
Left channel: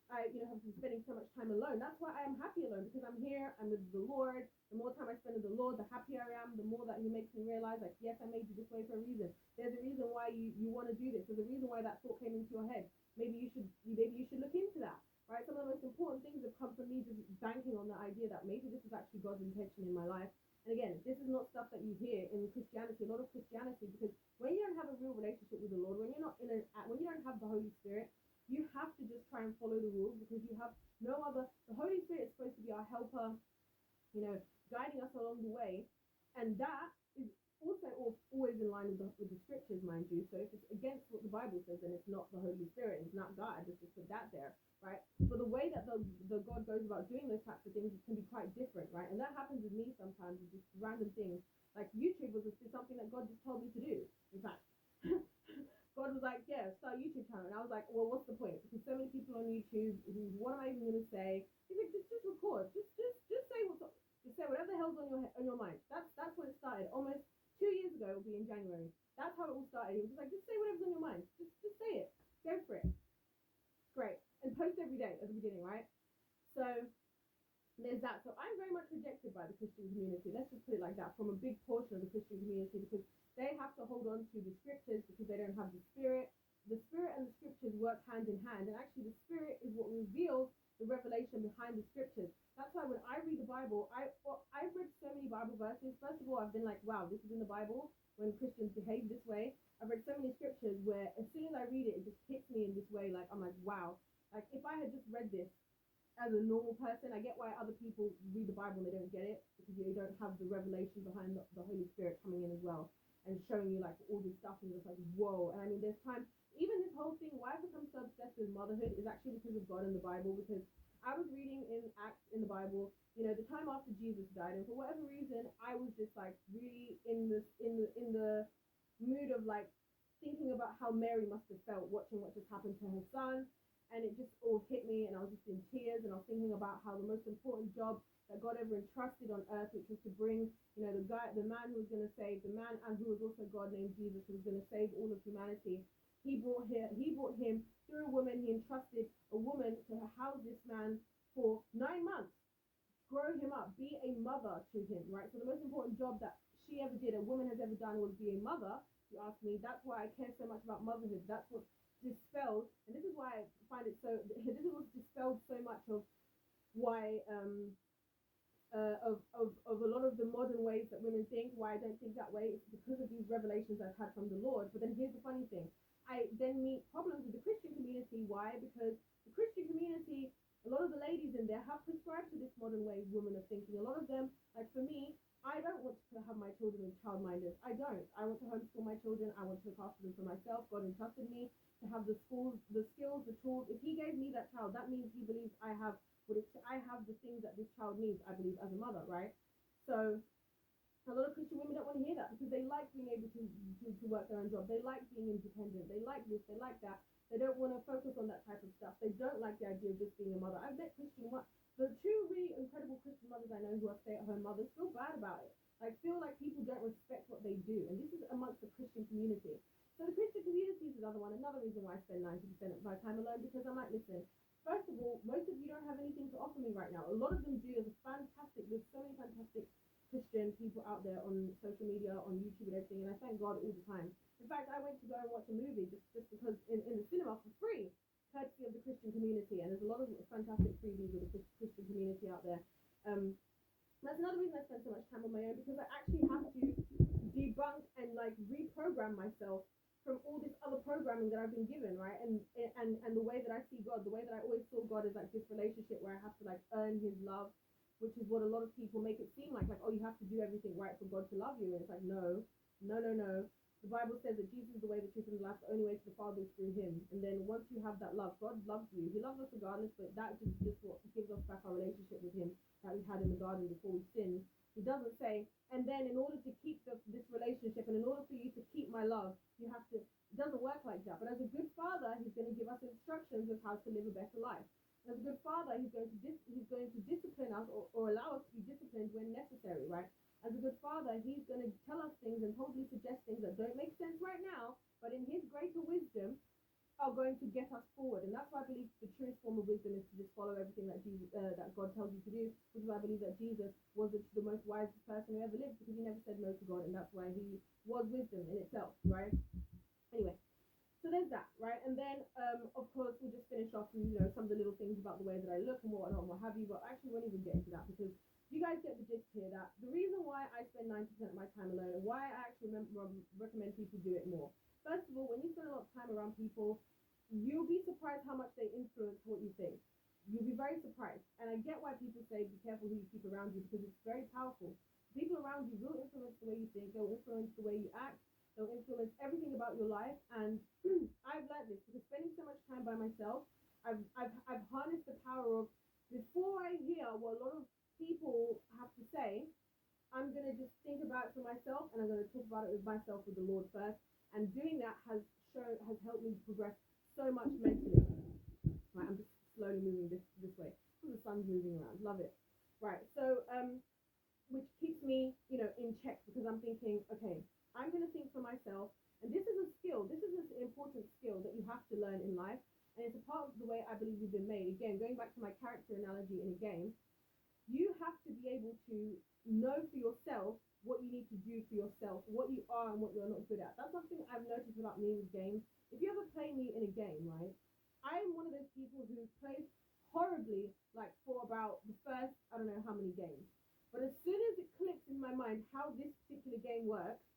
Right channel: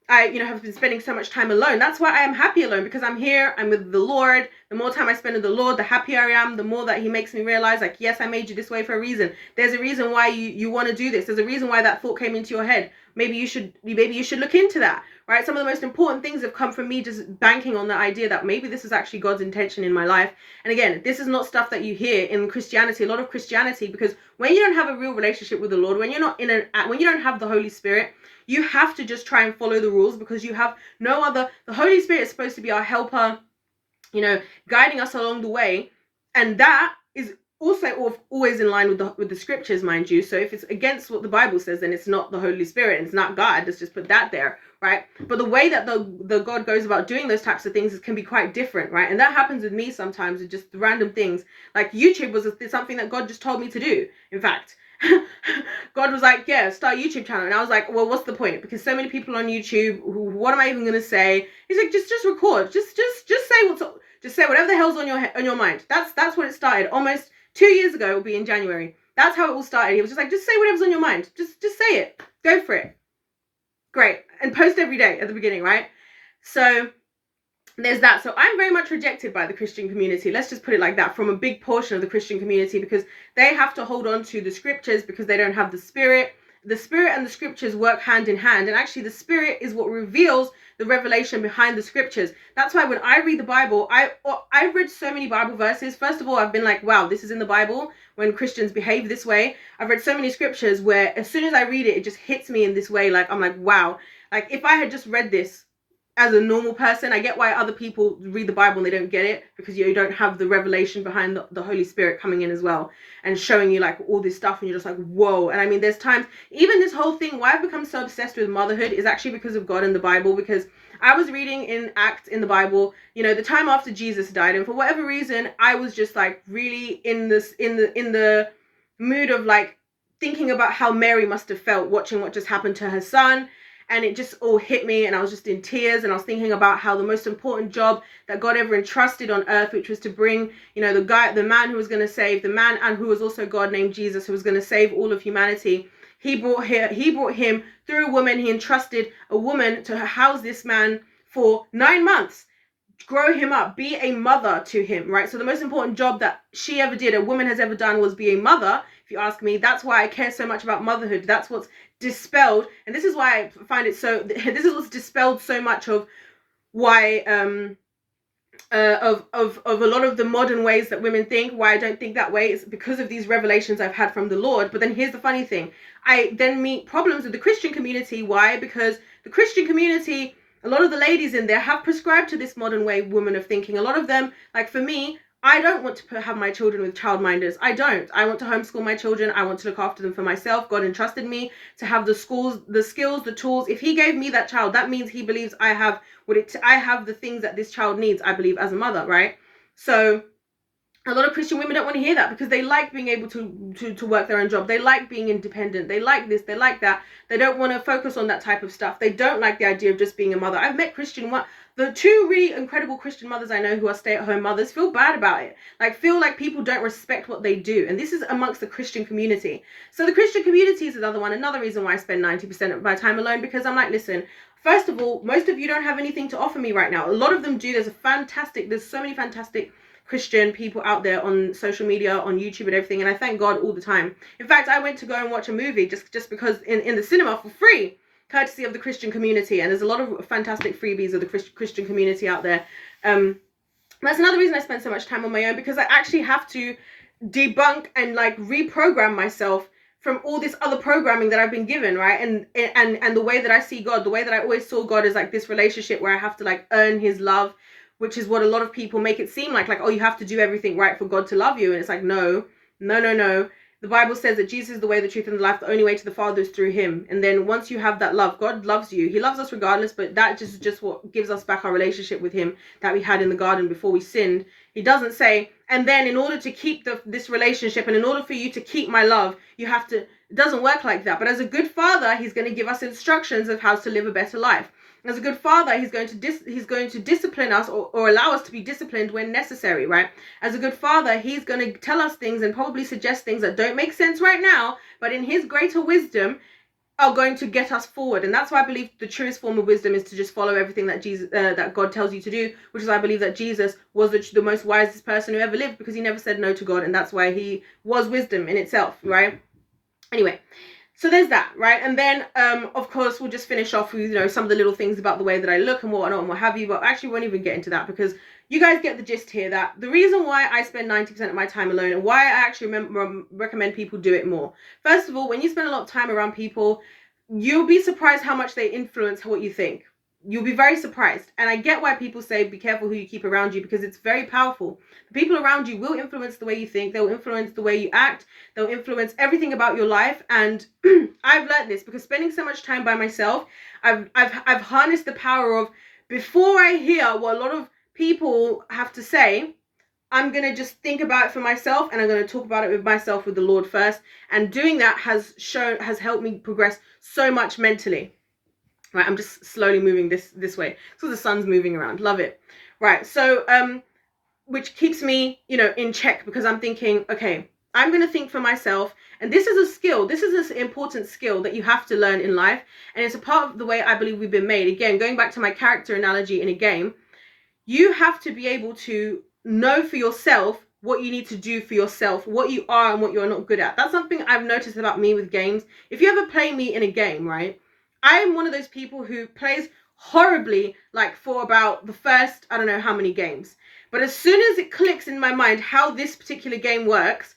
I, have been spending so much time alone. That's why I am happy alone, because I'm here, I'm with the Lord. The more time I spend with the Lord, the happier I am, the more that he makes me realize, like, yes, I made you this way for a reason. There's a reason why you want to do this. There's a reason why that thought came into your head. Maybe you should look into that, right? Some of the most important things have come from me just banking on the idea that maybe this is actually God's intention in my life. And again, this is not stuff that you hear in Christianity, a lot of Christianity, because when you don't have a real relationship with the Lord, when you don't have the Holy Spirit, you have to just try and follow the rules, because you have no other. The Holy Spirit is supposed to be our helper, guiding us along the way. And that is also always in line with the scriptures, mind you. So if it's against what the Bible says, then it's not the Holy Spirit, and it's not God. Let's just put that there, right? But the way that the God goes about doing those types of things can be quite different, right? And that happens with me sometimes, with just random things. Like YouTube was something that God just told me to do. In fact, God was like, yeah, start a YouTube channel. And I was like, well, what's the point? Because so many people on YouTube, what am I even going to say? He's like, just record. Just say whatever the hell's on your mind. That's what it started. Almost 2 years ago, it will be in January. That's how it all started. He was just like, just say whatever's on your mind. Just say it. Go for it. Great. And post every day at the beginning, right? So there's that. So I'm very much rejected by the Christian community. Let's just put it like that, from a big portion of the Christian community, because they have to hold on to the scriptures because they don't have the Spirit. The Spirit and the scriptures work hand in hand. And actually the Spirit is what reveals the revelation behind the scriptures. That's why when I read the Bible, I've read so many Bible verses. First of all, I've been like, wow, this is in the Bible when Christians behave this way. I've read so many scriptures where as soon as I read it, it just hits me in this way. Like, I'm like, wow. Like, if I had just read this as a normal person, I get why other people read the Bible and they don't get it, because you don't have the revelation behind the Holy Spirit coming in as well and showing you like all this stuff, and you're just like, whoa. And I mean, there's times, even this whole thing, why I've become so obsessed with motherhood is actually because of God and the Bible. Because I was reading in Acts in the Bible, the time after Jesus died, and for whatever reason, I was just like really in the mood of like thinking about how Mary must have felt watching what just happened to her son. And it just all hit me, and I was just in tears, and I was thinking about how the most important job that God ever entrusted on earth, which was to bring, the man who was going to save, the man and who was also God named Jesus, who was going to save all of humanity. He brought him through a woman. He entrusted a woman to house this man for 9 months, grow him up, be a mother to him, right? So the most important job that she ever did, a woman has ever done, was be a mother, if you ask me. That's why I care so much about motherhood. That's what's dispelled, and this is why I find it so, this is what's dispelled so much of why of a lot of the modern ways that women think. Why I don't think that way is because of these revelations I've had from the Lord. But then here's the funny thing, I then meet problems with the Christian community. Why? Because the Christian community, a lot of the ladies in there have prescribed to this modern way women of thinking. A lot of them, like for me, I don't want to have my children with childminders. I don't. I want to homeschool my children. I want to look after them for myself. God entrusted me to have the skills, the tools. If he gave me that child, that means he believes I have I have the things that this child needs, I believe, as a mother, right? So a lot of Christian women don't want to hear that, because they like being able to work their own job. They like being independent. They like this. They like that. They don't want to focus on that type of stuff. They don't like the idea of just being a mother. I've met the two really incredible Christian mothers I know who are stay-at-home mothers feel bad about it. Like, feel like people don't respect what they do. And this is amongst the Christian community. So the Christian community is another reason why I spend 90% of my time alone, because I'm like, listen, first of all, most of you don't have anything to offer me right now. A lot of them do. There's so many fantastic Christian people out there on social media, on YouTube and everything, and I thank God all the time. In fact, I went to go and watch a movie just because in the cinema for free, courtesy of the Christian community. And there's a lot of fantastic freebies of the Christian community out there. That's another reason I spend so much time on my own, because I actually have to debunk and like reprogram myself from all this other programming that I've been given, right? And the way that I see God, the way that I always saw God is like this relationship where I have to like earn his love, which is what a lot of people make it seem like, oh, you have to do everything right for God to love you. And it's like, no. The Bible says that Jesus is the way, the truth, and the life. The only way to the Father is through him. And then once you have that love, God loves you. He loves us regardless, but that just what gives us back our relationship with him that we had in the garden before we sinned. He doesn't say, and then in order to keep this relationship, and in order for you to keep my love, you have to, it doesn't work like that. But as a good father, he's going to give us instructions of how to live a better life. As a good father, he's going to discipline us or allow us to be disciplined when necessary, right? As a good father, he's going to tell us things and probably suggest things that don't make sense right now, but in his greater wisdom are going to get us forward. And that's why I believe the truest form of wisdom is to just follow everything that that God tells you to do, which is I believe that Jesus was the most wisest person who ever lived, because he never said no to God, and that's why he was wisdom in itself, right? Anyway, so there's that, right? And then of course we'll just finish off with, you know, some of the little things about the way that I look and whatnot and what have you, but actually won't even get into that, because you guys get the gist here that the reason why I spend 90% of my time alone and why I actually recommend people do it more. First of all, when you spend a lot of time around people, you'll be surprised how much they influence what you think. You'll be very surprised. And I get why people say be careful who you keep around you, because it's very powerful. The people around you will influence the way you think. They'll influence the way you act. They'll influence everything about your life. And I've learned this because spending so much time by myself, I've harnessed the power of, before I hear what a lot of people have to say, I'm going to just think about it for myself, and I'm going to talk about it with myself, with the Lord first. And doing that has helped me progress so much mentally. Right, I'm just slowly moving this way. So the sun's moving around. Love it. Right, so which keeps me, you know, in check, because I'm thinking, okay, I'm going to think for myself. And this is a skill. This is an important skill that you have to learn in life. And it's a part of the way I believe we've been made. Again, going back to my character analogy in a game, you have to be able to know for yourself what you need to do for yourself, what you are and what you're not good at. That's something I've noticed about me with games. If you ever play me in a game, right, I'm one of those people who plays horribly, like for about the first, I don't know how many games. But as soon as it clicks in my mind how this particular game works,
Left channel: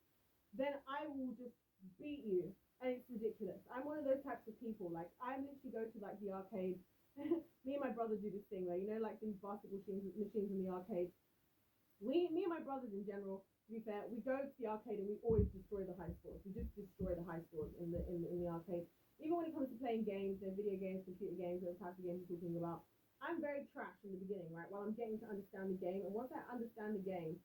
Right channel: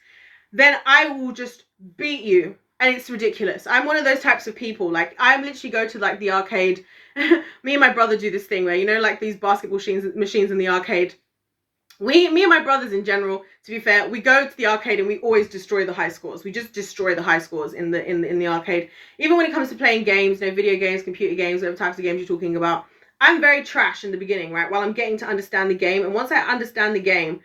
then I will just beat you. And it's ridiculous. I'm one of those types of people. Like, I literally go to like the arcade. Me and my brother do this thing where, you know, like these basketball machines in the arcade. Me and my brothers in general, to be fair, we go to the arcade and we always destroy the high scores. We just destroy the high scores in the arcade. Even when it comes to playing games, you know, video games, computer games, whatever types of games you're talking about, I'm very trash in the beginning, right? While I'm getting to understand the game. And once I understand the game,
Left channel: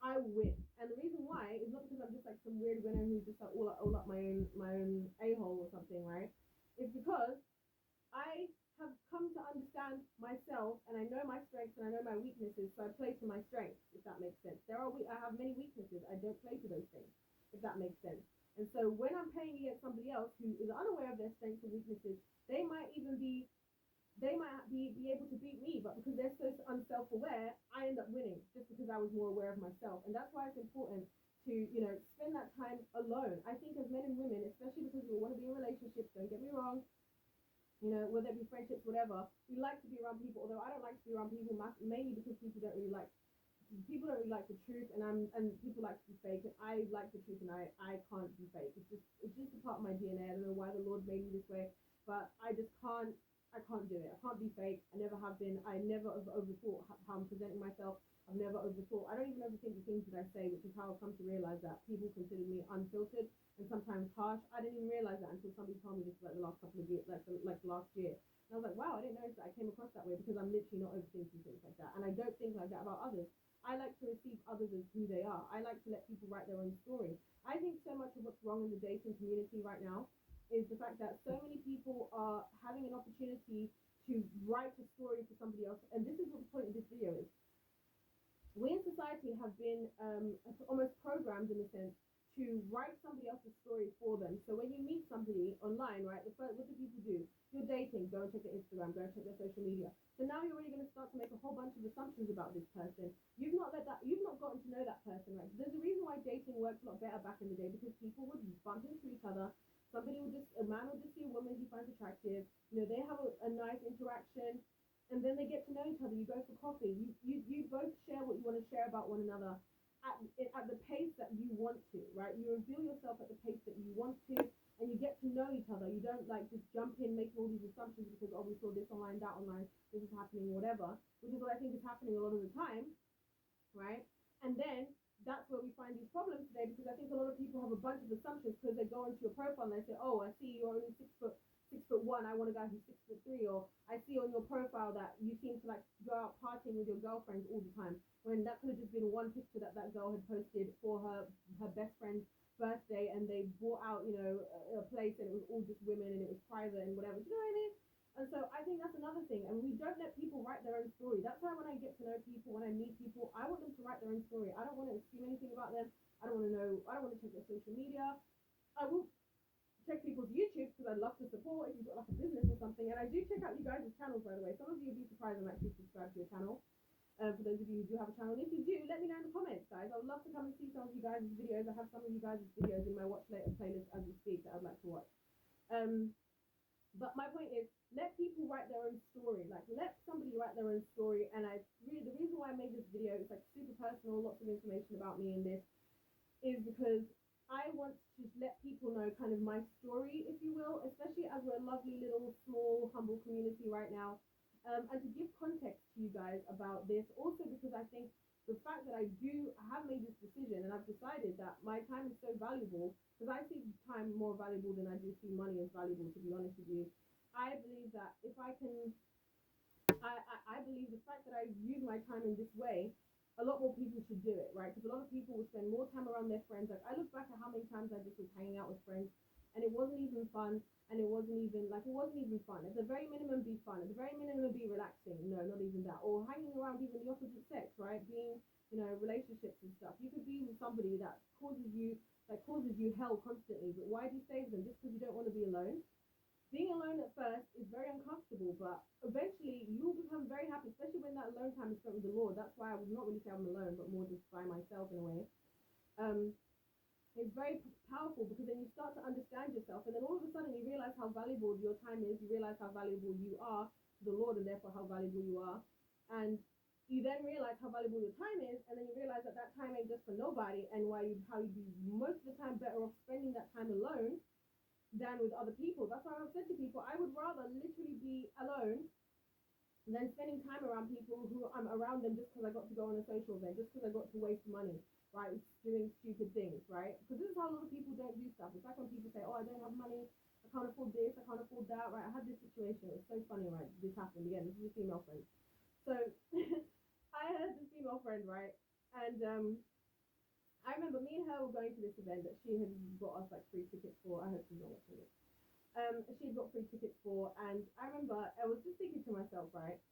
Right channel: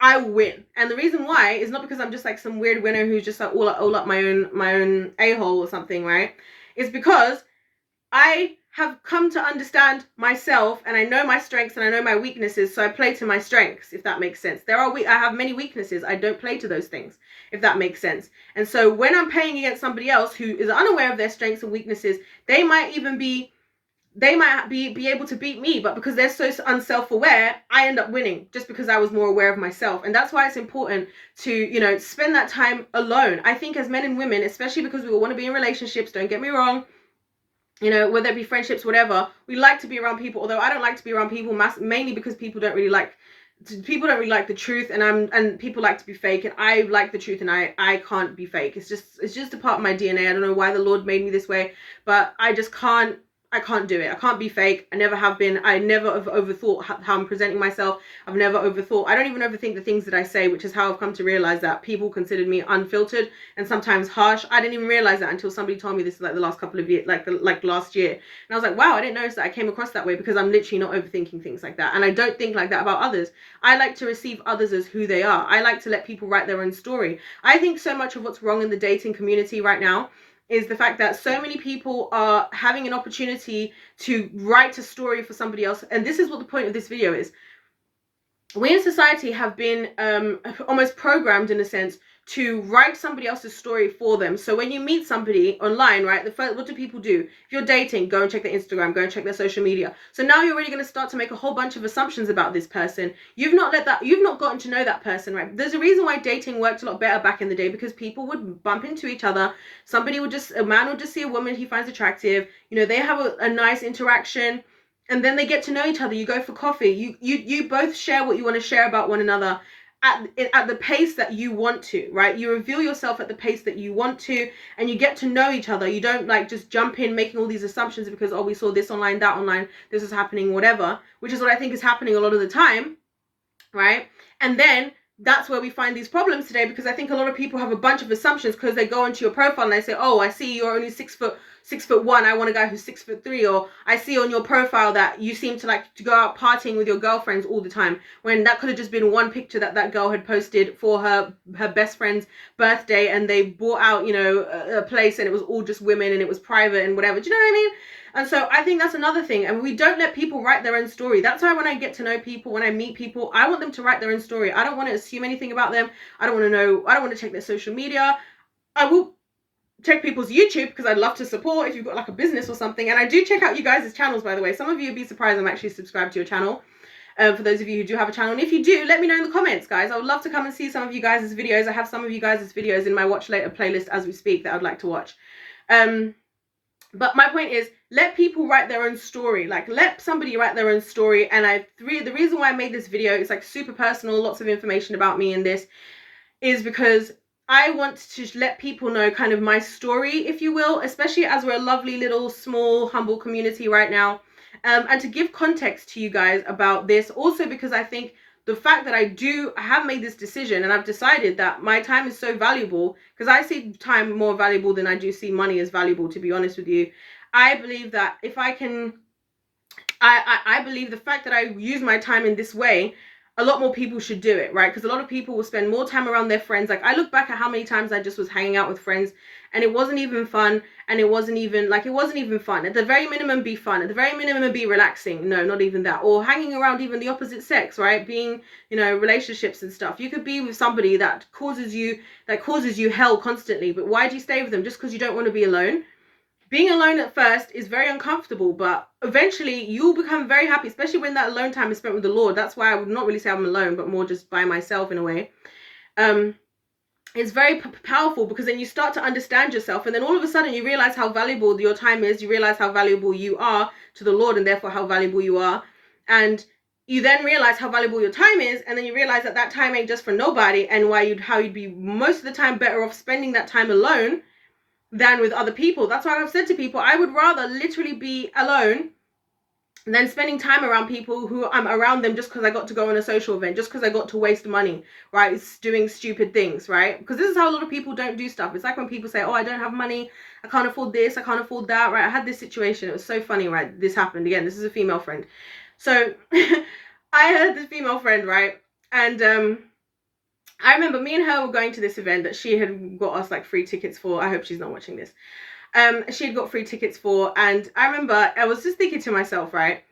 I win. And the reason why is not because I'm just like some weird winner who's just like all up my own a-hole or something, right? It's because I have come to understand myself, and I know my strengths and I know my weaknesses, so I play to my strengths, if that makes sense. I have many weaknesses. I don't play to those things, if that makes sense. And so when I'm playing against somebody else who is unaware of their strengths and weaknesses, they might be able to beat me, but because they're so unself-aware, I end up winning just because I was more aware of myself. And that's why it's important to, you know, spend that time alone. I think as men and women, especially because we all want to be in relationships, don't get me wrong, you know, whether it be friendships, whatever, we like to be around people. Although I don't like to be around people mainly because people don't really like the truth, and people like to be fake, and I like the truth, and I can't be fake. It's just a part of my DNA. I don't know why the Lord made me this way, but I can't do it. I can't be fake. I never have been. I never have overthought how I'm presenting myself. I've never overthought. I don't even overthink the things that I say, which is how I've come to realize that people considered me unfiltered and sometimes harsh. I didn't even realize that until somebody told me this like the last couple of years, like last year. And I was like, wow, I didn't notice that I came across that way, because I'm literally not overthinking things like that. And I don't think like that about others. I like to receive others as who they are. I like to let people write their own story. I think so much of what's wrong in the dating community right now is the fact that so many people are having an opportunity to write a story for somebody else. And this is what the point of this video is. We in society have been almost programmed, in a sense, to write somebody else's story for them. So when you meet somebody online, right, what do people do? If you're dating, go and check their Instagram, go and check their social media. So now you're really going to start to make a whole bunch of assumptions about this person. You've not gotten to know that person, right? There's a reason why dating worked a lot better back in the day, because people would bump into each other. A man would just see a woman he finds attractive. You know, they have a nice interaction, and then they get to know each other. You go for coffee. You both share what you want to share about one another. at the pace that you want to, right? You reveal yourself at the pace that you want to, and you get to know each other. You don't like just jump in making all these assumptions because, oh, we saw this online, that online, this is happening, whatever, which is what I think is happening a lot of the time, right? And then that's where we find these problems today, because I think a lot of people have a bunch of assumptions because they go into your profile and they say, oh, I see you're only 6'1", I want a guy who's 6'3", or I see on your profile that you seem to like to go out partying with your girlfriends all the time, when that could have just been one picture that girl had posted for her best friend's birthday, and they bought out, you know, a place and it was all just women and it was private and whatever. Do you know what I mean? And so I think that's another thing. And we don't let people write their own story. That's why when I get to know people, when I meet people, I want them to write their own story. I don't want to assume anything about them. I don't want to check their social media. I will check people's YouTube because I'd love to support if you've got like a business or something. And I do check out you guys' channels, by the way. Some of you would be surprised I'm actually subscribed to your channel. For those of you who do have a channel. And if you do, let me know in the comments, guys. I would love to come and see some of you guys' videos. I have some of you guys' videos in my watch later playlist as we speak that I'd like to watch. But my point is, let people write their own story. Like, let somebody write their own story. And the reason why I made this video, it's like super personal, lots of information about me in this, is because I want to let people know kind of my story, if you will, especially as we're a lovely little small humble community right now, and to give context to you guys about this. Also because I think the fact that I have made this decision and I've decided that my time is so valuable, because I see time more valuable than I do see money as valuable, to be honest with you. I believe that if I can, I believe the fact that I use my time in this way, a lot more people should do it, right? Because a lot of people will spend more time around their friends. Like, I look back at how many times I just was hanging out with friends and it wasn't even fun, and it wasn't even fun. At the very minimum, be fun. At the very minimum, be relaxing. No, not even that. Or hanging around even the opposite sex, right? Being, you know, relationships and stuff. You could be with somebody that causes you hell constantly, but why do you stay with them? Just because you don't want to be alone? Being alone at first is very uncomfortable, but eventually you'll become very happy, especially when that alone time is spent with the Lord. That's why I would not really say I'm alone, but more just by myself in a way. It's very powerful, because then you start to understand yourself, and then all of a sudden you realize how valuable your time is. You realize how valuable you are to the Lord, and therefore how valuable you are. And you then realize how valuable your time is, and then you realize that time ain't just for nobody, and how you'd be most of the time better off spending that time alone than with other people. That's why I've said to people, I would rather literally be alone than spending time around people who I'm around them just because I got to go on a social event, just because I got to waste money, right? It's doing stupid things, right? Because this is how a lot of people don't do stuff. It's like when people say, oh, I don't have money, I can't afford this, I can't afford that, right? I had this situation, it was so funny, right? This happened again. This is a female friend. So I had this female friend, right? And I remember me and her were going to this event that she had got us like free tickets for. I hope she's not watching this. She had got free tickets for, and I remember I was just thinking to myself, right?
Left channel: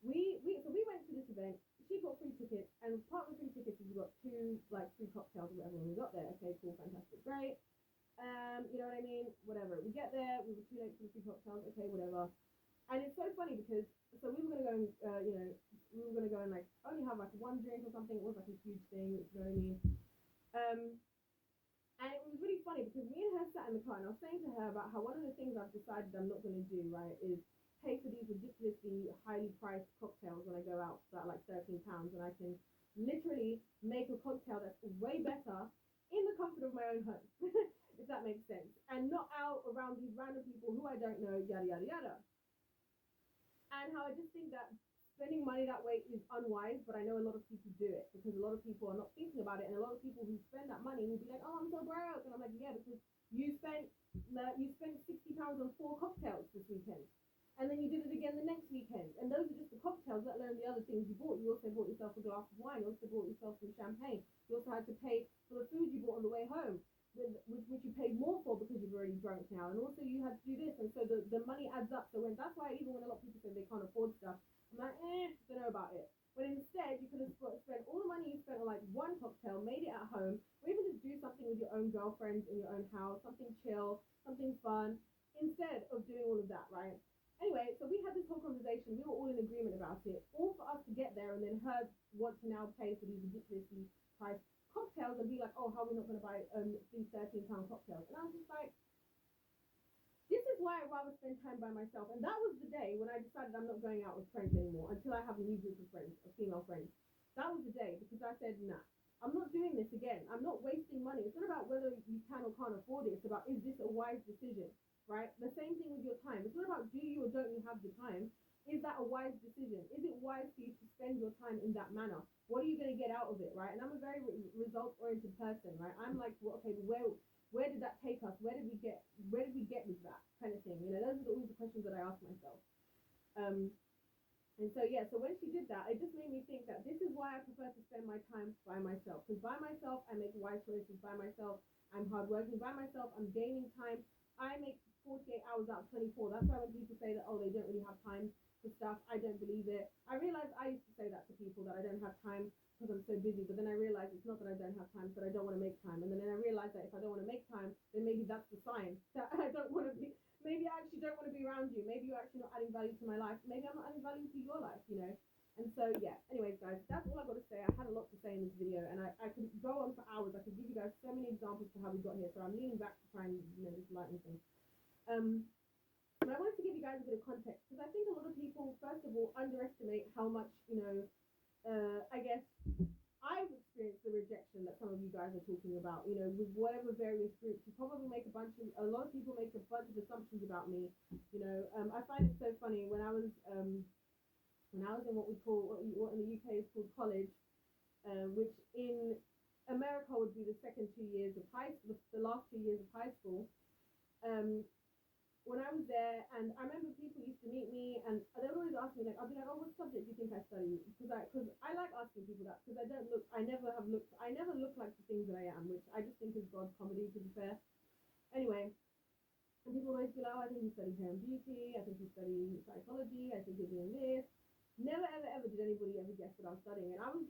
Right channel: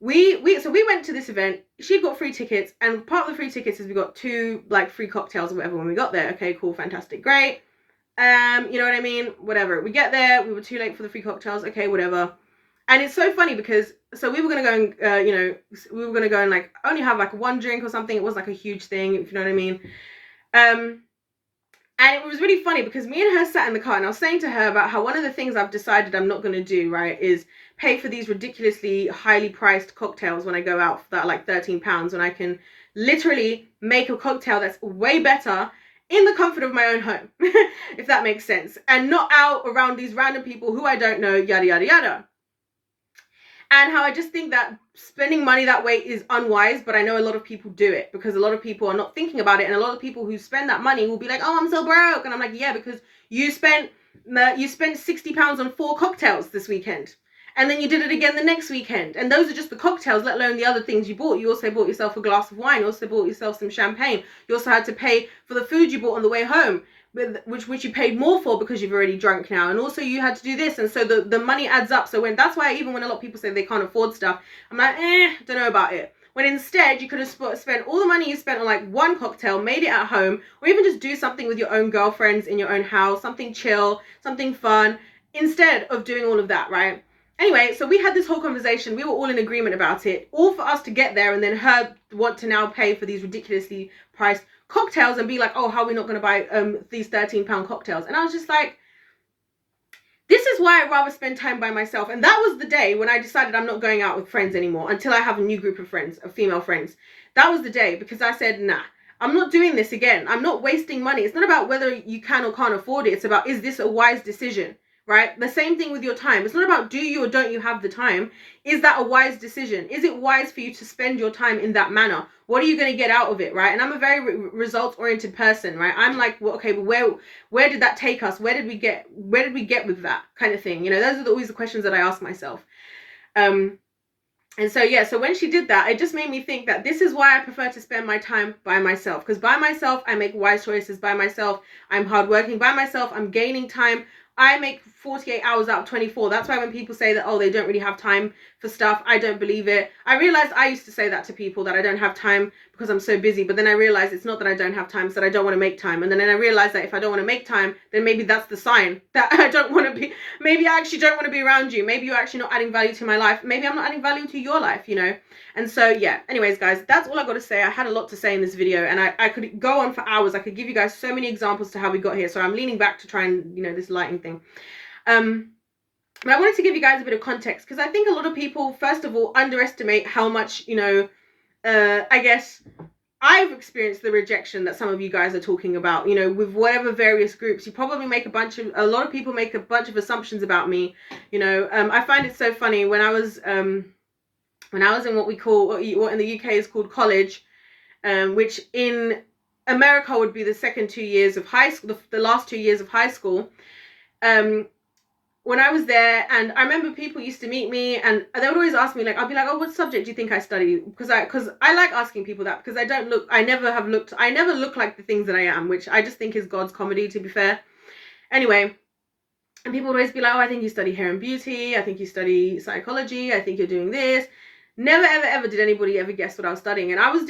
We went to this event. She'd got free tickets, and part of the free tickets is we got 2 like free cocktails or whatever when we got there. Okay, cool, fantastic, great. You know what I mean? Whatever. We get there, we were too late for the free cocktails. Okay, whatever. And it's so funny because we were gonna go and we were gonna go and like only have like 1 drink or something. It was like a huge thing, if you know what I mean. And it was really funny because me and her sat in the car, and I was saying to her about how one of the things I've decided I'm not going to do, right, is pay for these ridiculously highly priced cocktails when I go out that are like £13, when I can literally make a cocktail that's way better in the comfort of my own home, if that makes sense, and not out around these random people who I don't know, yada, yada, yada. And how I just think that spending money that way is unwise, but I know a lot of people do it because a lot of people are not thinking about it. And a lot of people who spend that money will be like, oh, I'm so broke. And I'm like, yeah, because you spent £60 on 4 cocktails this weekend. And then you did it again the next weekend. And those are just the cocktails, let alone the other things you bought. You also bought yourself a glass of wine. You also bought yourself some champagne. You also had to pay for the food you bought on the way home, which you paid more for because you've already drunk now, and also you had to do this, and so the money adds up. So that's why even when a lot of people say they can't afford stuff, I'm like, don't know about it. When instead you could have spent all the money you spent on like 1 cocktail, made it at home, or even just do something with your own girlfriends in your own house, something chill, something fun, instead of doing all of that, right? Anyway, so we had this whole conversation. We were all in agreement about it, all for us to get there, and then her want to now pay for these ridiculously priced cocktails and be like, oh, how are we not going to buy these £13 cocktails? And I was just like, this is why I'd rather spend time by myself. And that was the day when I decided I'm not going out with friends anymore until I have a new group of friends, of female friends. That was the day, because I said, nah, I'm not doing this again. I'm not wasting money. It's not about whether you can or can't afford it. It's about, is this a wise decision, right? The same thing with your time. It's not about do you or don't you have the time. Is that a wise decision? Is it wise for you to spend your time in that manner? What are you going to get out of it, right? And I'm a very results-oriented person, right? I'm like, well, okay, but where did that take us? Where did we get with that kind of thing? You know, those are always the questions that I ask myself. And so, yeah, so when she did that, it just made me think that this is why I prefer to spend my time by myself. Because by myself, I make wise choices. By myself, I'm hardworking. By myself, I'm gaining time. I make 48 hours out of 24. That's why when people say that, oh, they don't really have time for stuff, I don't believe it. I realized I used to say that to people, that I don't have time because I'm so busy. But then I realized it's not that I don't have time, it's that I don't want to make time. And then I realized that if I don't want to make time, then maybe that's the sign that I don't want to be, maybe I actually don't want to be around you. Maybe you're actually not adding value to my life. Maybe I'm not adding value to your life, you know? And so, yeah, anyways, guys, that's all I got to say. I had a lot to say in this video, and I could go on for hours. I could give you guys so many examples to how we got here. So I'm leaning back to try and, you know, this lighting thing. But I wanted to give you guys a bit of context, because I think a lot of people, first of all, underestimate how much, you know, I guess I've experienced the rejection that some of you guys are talking about, you know, with whatever various groups. You probably make a lot of people make a bunch of assumptions about me, you know. I find it so funny when I was in what we call, what in the UK is called college, which in America would be the second 2 years of high school, the last 2 years of high school. When I was there, and I remember people used to meet me, and they would always ask me, like, I'll be like, oh, what subject do you think I study? Because I like asking people that, because I never look like the things that I am, which I just think is God's comedy, to be fair. Anyway, and people would always be like, oh, I think you study hair and beauty, I think you study psychology, I think you're doing this. Never, ever, ever did anybody ever guess what I was studying. And I was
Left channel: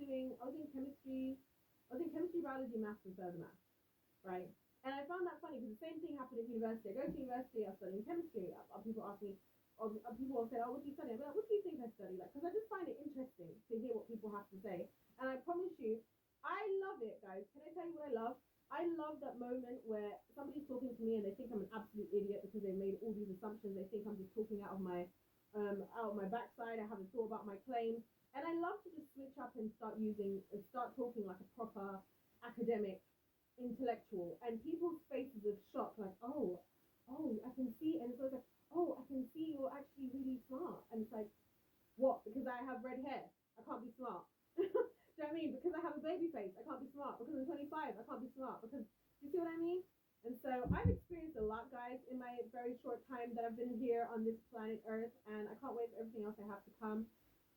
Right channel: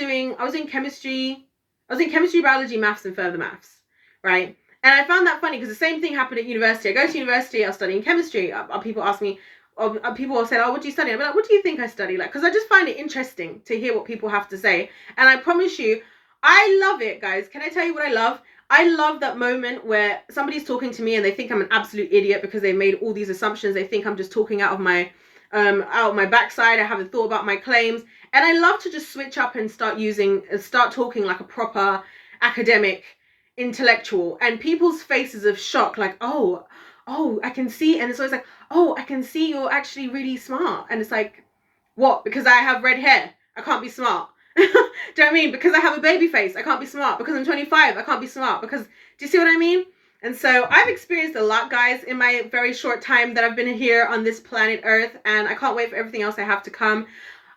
in chemistry, biology, maths, and further maths, right? And I found that funny, because the same thing happened at university. I go to university, I was studying chemistry. People ask me, people will say, oh, what do you study? I'll be like, what do you think I study? Like, because I just find it interesting to hear what people have to say. And I promise you, I love it, guys. Can I tell you what I love? I love that moment where somebody's talking to me and they think I'm an absolute idiot because they've made all these assumptions. They think I'm just talking out of my backside. I haven't thought about my claims. And I love to just switch up and start talking like a proper academic intellectual, and people's faces of shock, like, oh, I can see. And it's always like, oh, I can see you're actually really smart. And it's like, what? Because I have red hair, I can't be smart? Do you know what I mean? Because I have a baby face, I can't be smart? Because I'm 25, I can't be smart? Because, do you see what I mean? And so I've experienced a lot, guys, in my very short time that I've been here on this planet Earth, and I can't wait for everything else I have to come.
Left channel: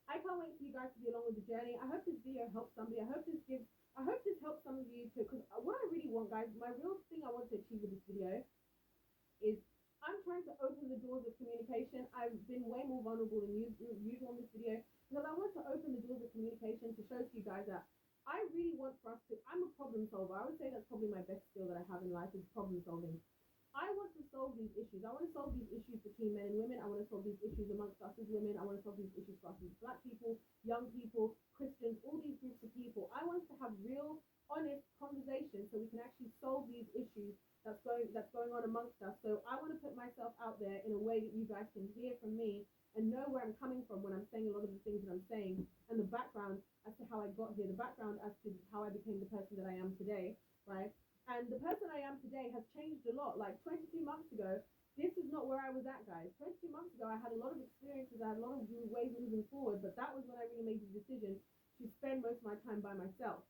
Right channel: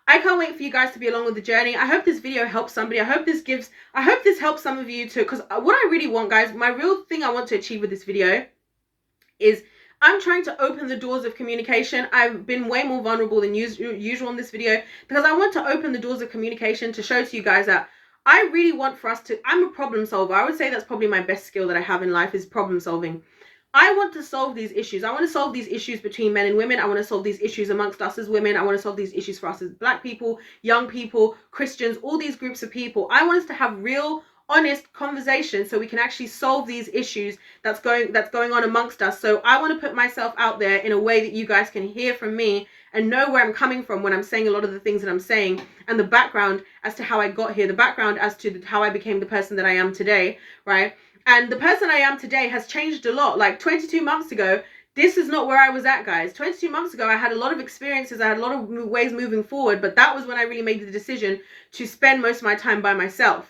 I can't wait for you guys to be along with the journey. I hope this video helps somebody. I hope this helps some of you too, because what I really want, guys, my real thing I want to achieve with this video is I'm trying to open the doors of communication. I've been way more vulnerable than usual in this video, because I want to open the doors of communication to show to you guys that I really want for us to, I'm a problem solver. I would say that's probably my best skill that I have in life, is problem solving. I want to solve these issues. I want to solve these issues between men and women. I want to solve these issues amongst us as women. I want to solve these issues for us as Black people, young people, Christians, all these groups of people. I want us to have real, honest conversations so we can actually solve these issues that's going on amongst us. So I want to put myself out there in a way that you guys can hear from me and know where I'm coming from when I'm saying a lot of the things that I'm saying, and the background as to how I got here, the background as to how I became the person that I am today, right? And the person I am today has changed a lot. Like 22 months ago, this is not where I was at, guys. 22 months ago, I had a lot of experiences. I had a lot of ways moving forward. But that was when I really made the decision to spend most of my time by myself,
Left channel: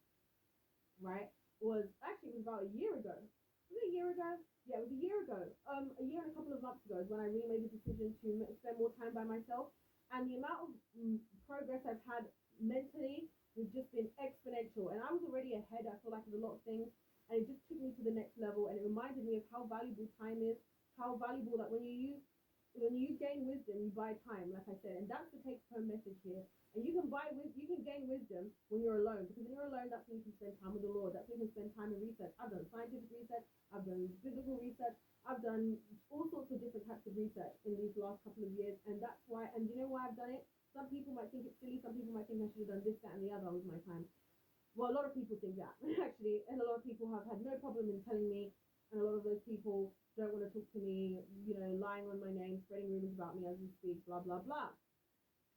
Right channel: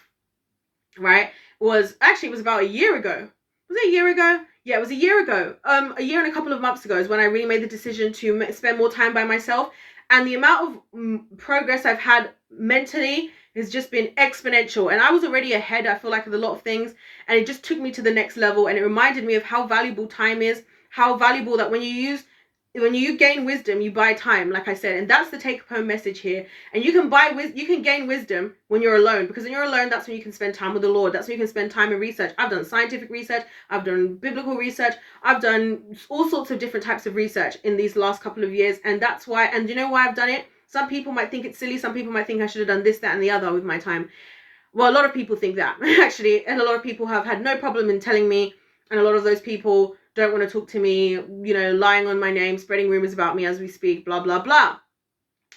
right? It was about a year ago. Was it a year ago? Yeah, it was a year ago. A year and a couple of months ago is when I really made the decision to spend more time by myself. And the amount of progress I've had mentally has just been exponential. And I was already ahead, I feel like, of a lot of things, and it just took me to the next level. And it reminded me of how valuable time is, how valuable that when you gain wisdom, you buy time, like I said. And that's the take-home message here. And you can gain wisdom when you're alone, because when you're alone, that's when you can spend time with the Lord. That's when you can spend time in research. I've done scientific research, I've done biblical research, I've done all sorts of different types of research in these last couple of years. And that's why, and you know why I've done it? Some people might think it's silly. Some people might think I should have done this, that, and the other with my time. Well, a lot of people think that, actually. And a lot of people have had no problem in telling me. And a lot of those people don't want to talk to me, you know, lying on my name, spreading rumors about me as we speak, blah, blah, blah.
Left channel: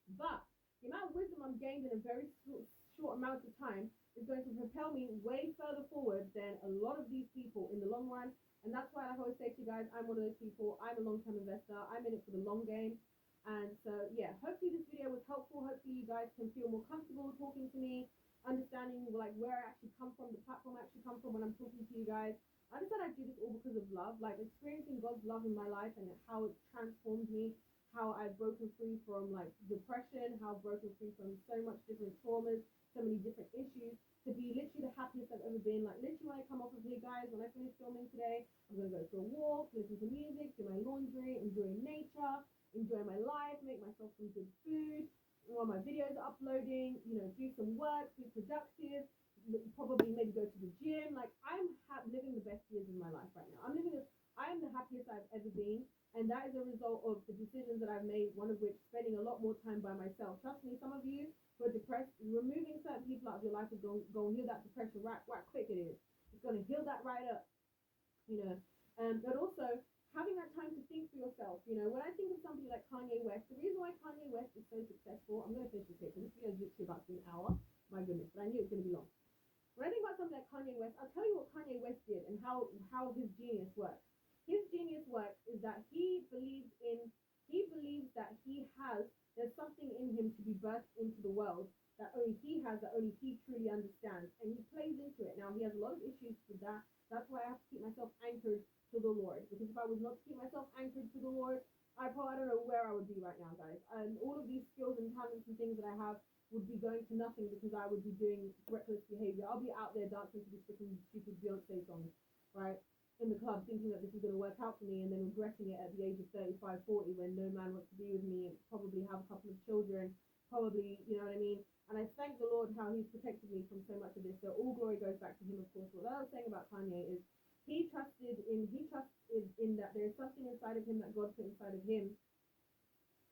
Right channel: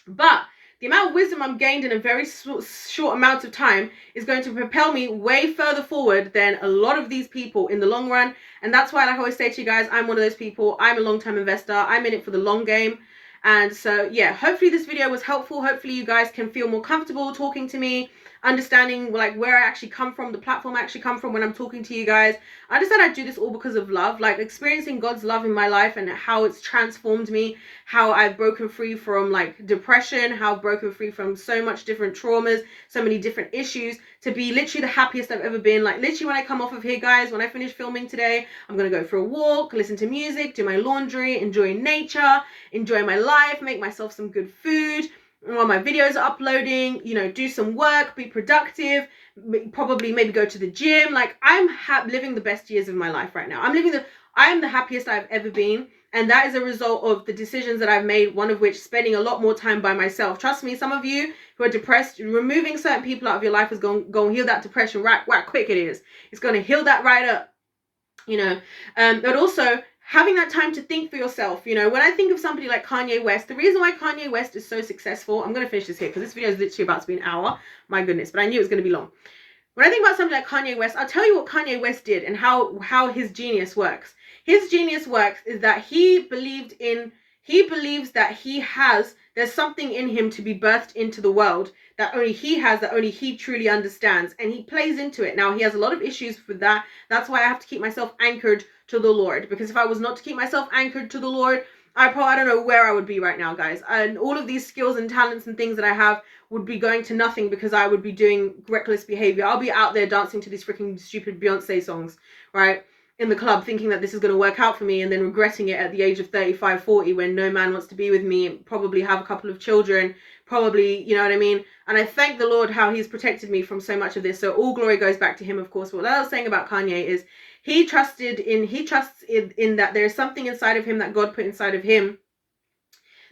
But the amount of wisdom I'm gained in a very short amount of time is going to propel me way further forward than a lot of these people in the long run. And that's why, like I always say to you guys, I'm one of those people. I'm a long-term investor. I'm in it for the long game. And so, yeah, hopefully this video was helpful. Hopefully you guys can feel more comfortable talking to me, understanding like where I actually come from, the platform I actually come from when I'm talking to you guys. I just said I do this all because of love, like experiencing God's love in my life and how it's transformed me, how I've broken free from like depression, how I've broken free from so much different traumas, so many different issues, to be literally the happiest I've ever been. Like literally when I come off of here, guys, when I finish filming today, I'm gonna go for a walk, listen to music, do my laundry, enjoy nature, enjoy my life, make myself some good food while my videos are uploading, you know, do some work, be productive, probably maybe go to the gym. Like I'm living the best years of my life right now. I am the happiest I've ever been. And that is a result of the decisions that I've made, one of which spending a lot more time by myself. Trust me, some of you who are depressed, removing certain people out of your life is going to heal that depression right quick it is. It's going to heal that right up, you know. But also having that time to think for yourself. You know, when I think of somebody like Kanye West, the reason why Kanye West is so successful, I'm going to finish this here because this video is literally about to be an hour. My goodness, but I knew it was going to be long. When I think about somebody like Kanye West, I'll tell you what Kanye West did and how his genius works. His genius works is that he believes that there's something in him to be birthed into the world that only he has, that only he truly understands, and he plays into it. Now, he has a lot of issues with that. That's why I have to keep myself anchored to the Lord, because if I was not to keep myself anchored to the Lord, I don't know where I would be right now, guys. And all of these skills and talents and things that I have would be going to nothing because I would be doing reckless behavior. I'll be out there dancing to these freaking stupid Beyonce songs, right? In the club, thinking that this is going to work out for me, and then regretting it at the age of 35, 40, when no man wants to be with me, probably have a couple of children, probably, you know what I mean? And I thank the Lord how he's protected me from so much of this. So all glory goes back to him, of course. What I was saying about Kanye is he trusts in that there's something inside of him that God put inside of him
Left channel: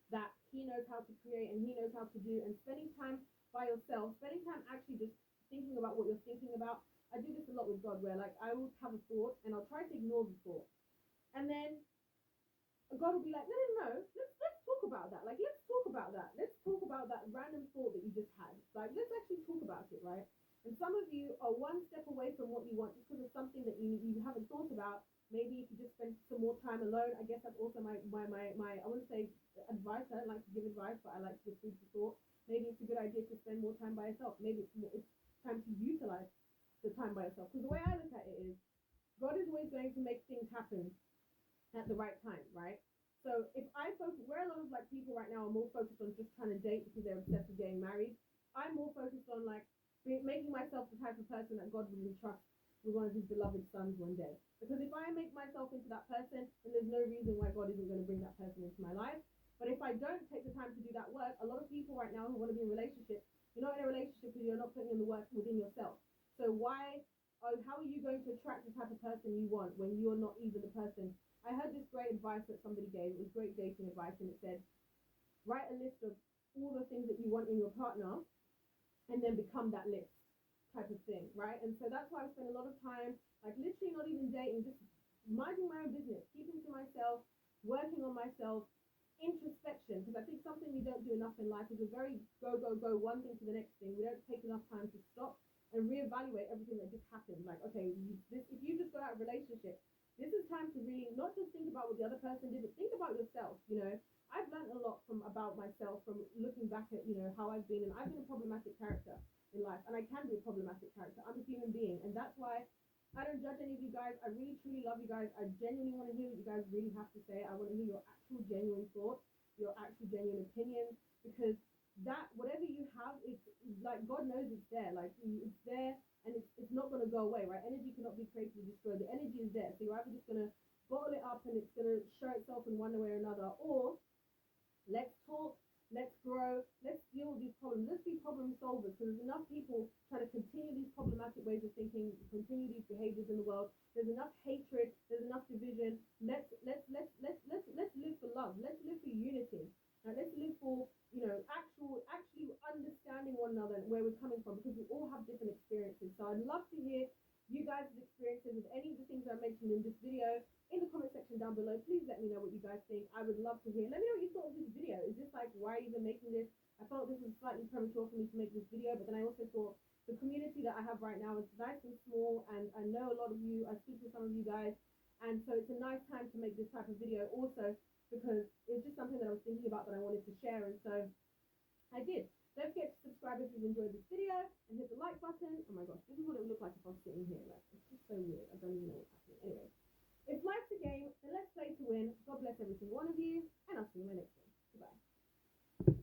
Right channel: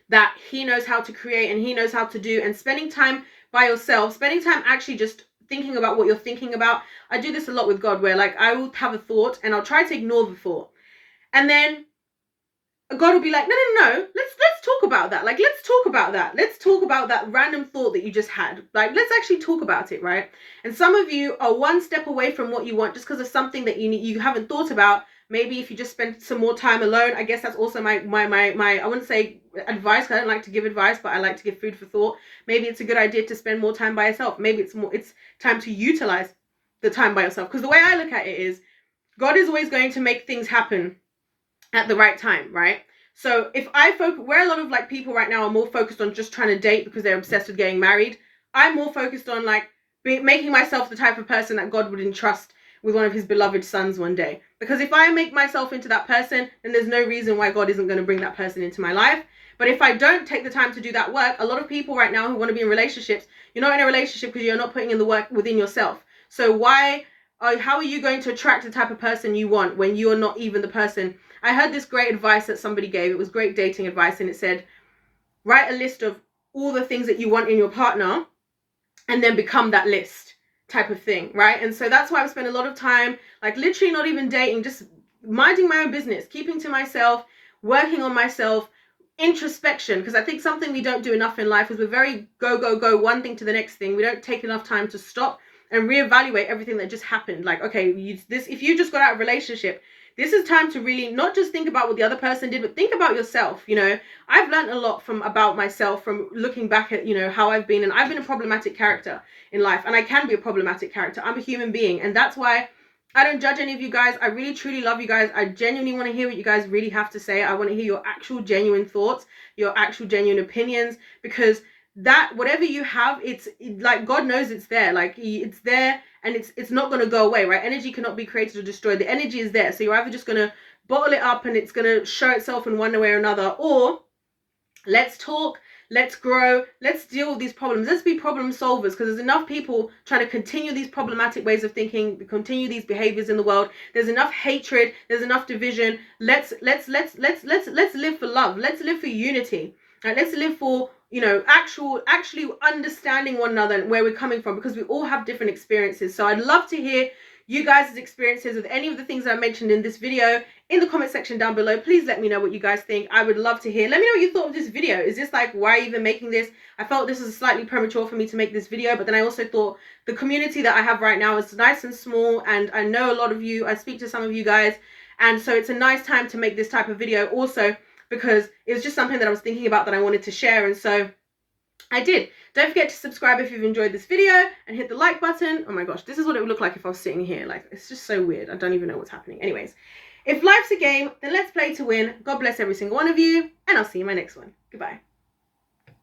that he knows how to create and he knows how to do. And spending time by yourself, spending time actually just thinking about what you're thinking about. I do this a lot with God, where like I will have a thought and I'll try to ignore the thought, and then God will be like, no, let's talk about that. Like, let's talk about that. Let's talk about that random thought that you just had. Like, let's actually talk about it, right? And some of you are one step away from what you want just because of something that you haven't thought about. Maybe if you just spend some more time alone. I guess that's also my I wouldn't say advice, because I don't like to give advice, but I like to give food for thought. Maybe it's a good idea to spend more time by yourself. Maybe it's time to utilize the time by yourself. Because the way I look at it is, God is always going to make things happen at the right time, right? So if I focus, where a lot of like people right now are more focused on just trying to date because they're obsessed with getting married, I'm more focused on like making myself the type of person that God would entrust with one of his beloved sons one day. Because if I make myself into that person, then there's no reason why God isn't going to bring that person into my life. But if I don't take the time to do that work, a lot of people right now who want to be in relationships, you're not in a relationship because you're not putting in the work within yourself. So how are you going to attract the type of person you want when you're not even the person? I heard this great advice that somebody gave. It was great dating advice, and it said, write a list of all the things that you want in your partner and then become that list type of thing, right? And so that's why I spend a lot of time, like literally not even dating, just minding my own business, keeping to myself, working on myself, introspection. Because I think something we don't do enough in life is we're very go, one thing to the next thing. We don't take enough time to stop and reevaluate everything that just happened. Like, okay, if you just got out of a relationship, this is time to really not just think about what the other person did, but think about yourself. You know, I've learned a lot about myself from looking back at, you know, how I've been. And I've been a problematic character in life, and I can be a problematic character. I'm a human being. And that's why I don't judge any of you guys. I really, truly love you guys. I genuinely want to hear what you guys really have to say. I want to hear your actual genuine thoughts, your actual genuine opinions, because that whatever you have, it's like God knows it's there. Like it's there, and it's not going to go away, right? Energy cannot be created or destroyed. The energy is there. So you're either just going to bottle it up and it's going to show itself in one way or another, or let's talk, let's grow, let's deal with these problems. Let's be problem solvers, because there's enough people trying to continue these problematic ways of thinking, continue these behaviors in the world. There's enough hatred, there's enough division. Let's live for love. Let's live for unity. Right? Let's live for, you know, actually understanding one another and where we're coming from, because we all have different experiences. So I'd love to hear you guys' experiences with any of the things that I mentioned in this video. in the comment section down below. Please let me know what you guys think. I would love to hear. Let me know what you thought of this video. Is this like, why even making this? I felt this is slightly premature for me to make this video, but then I also thought the community that I have right now is nice and small, and I know a lot of you. I speak to some of you guys, and so it's a nice time to make this type of video also, because it was just something that I was thinking about that I wanted to share, and so I did. Don't forget to subscribe if you've enjoyed this video, and hit the like button. Oh my gosh, this is what it would look like if I was sitting here. Like, it's just so weird. I don't even know what's happening. Anyways, if life's a game, then let's play to win. God bless every single one of you, and I'll see you in my next one. Goodbye.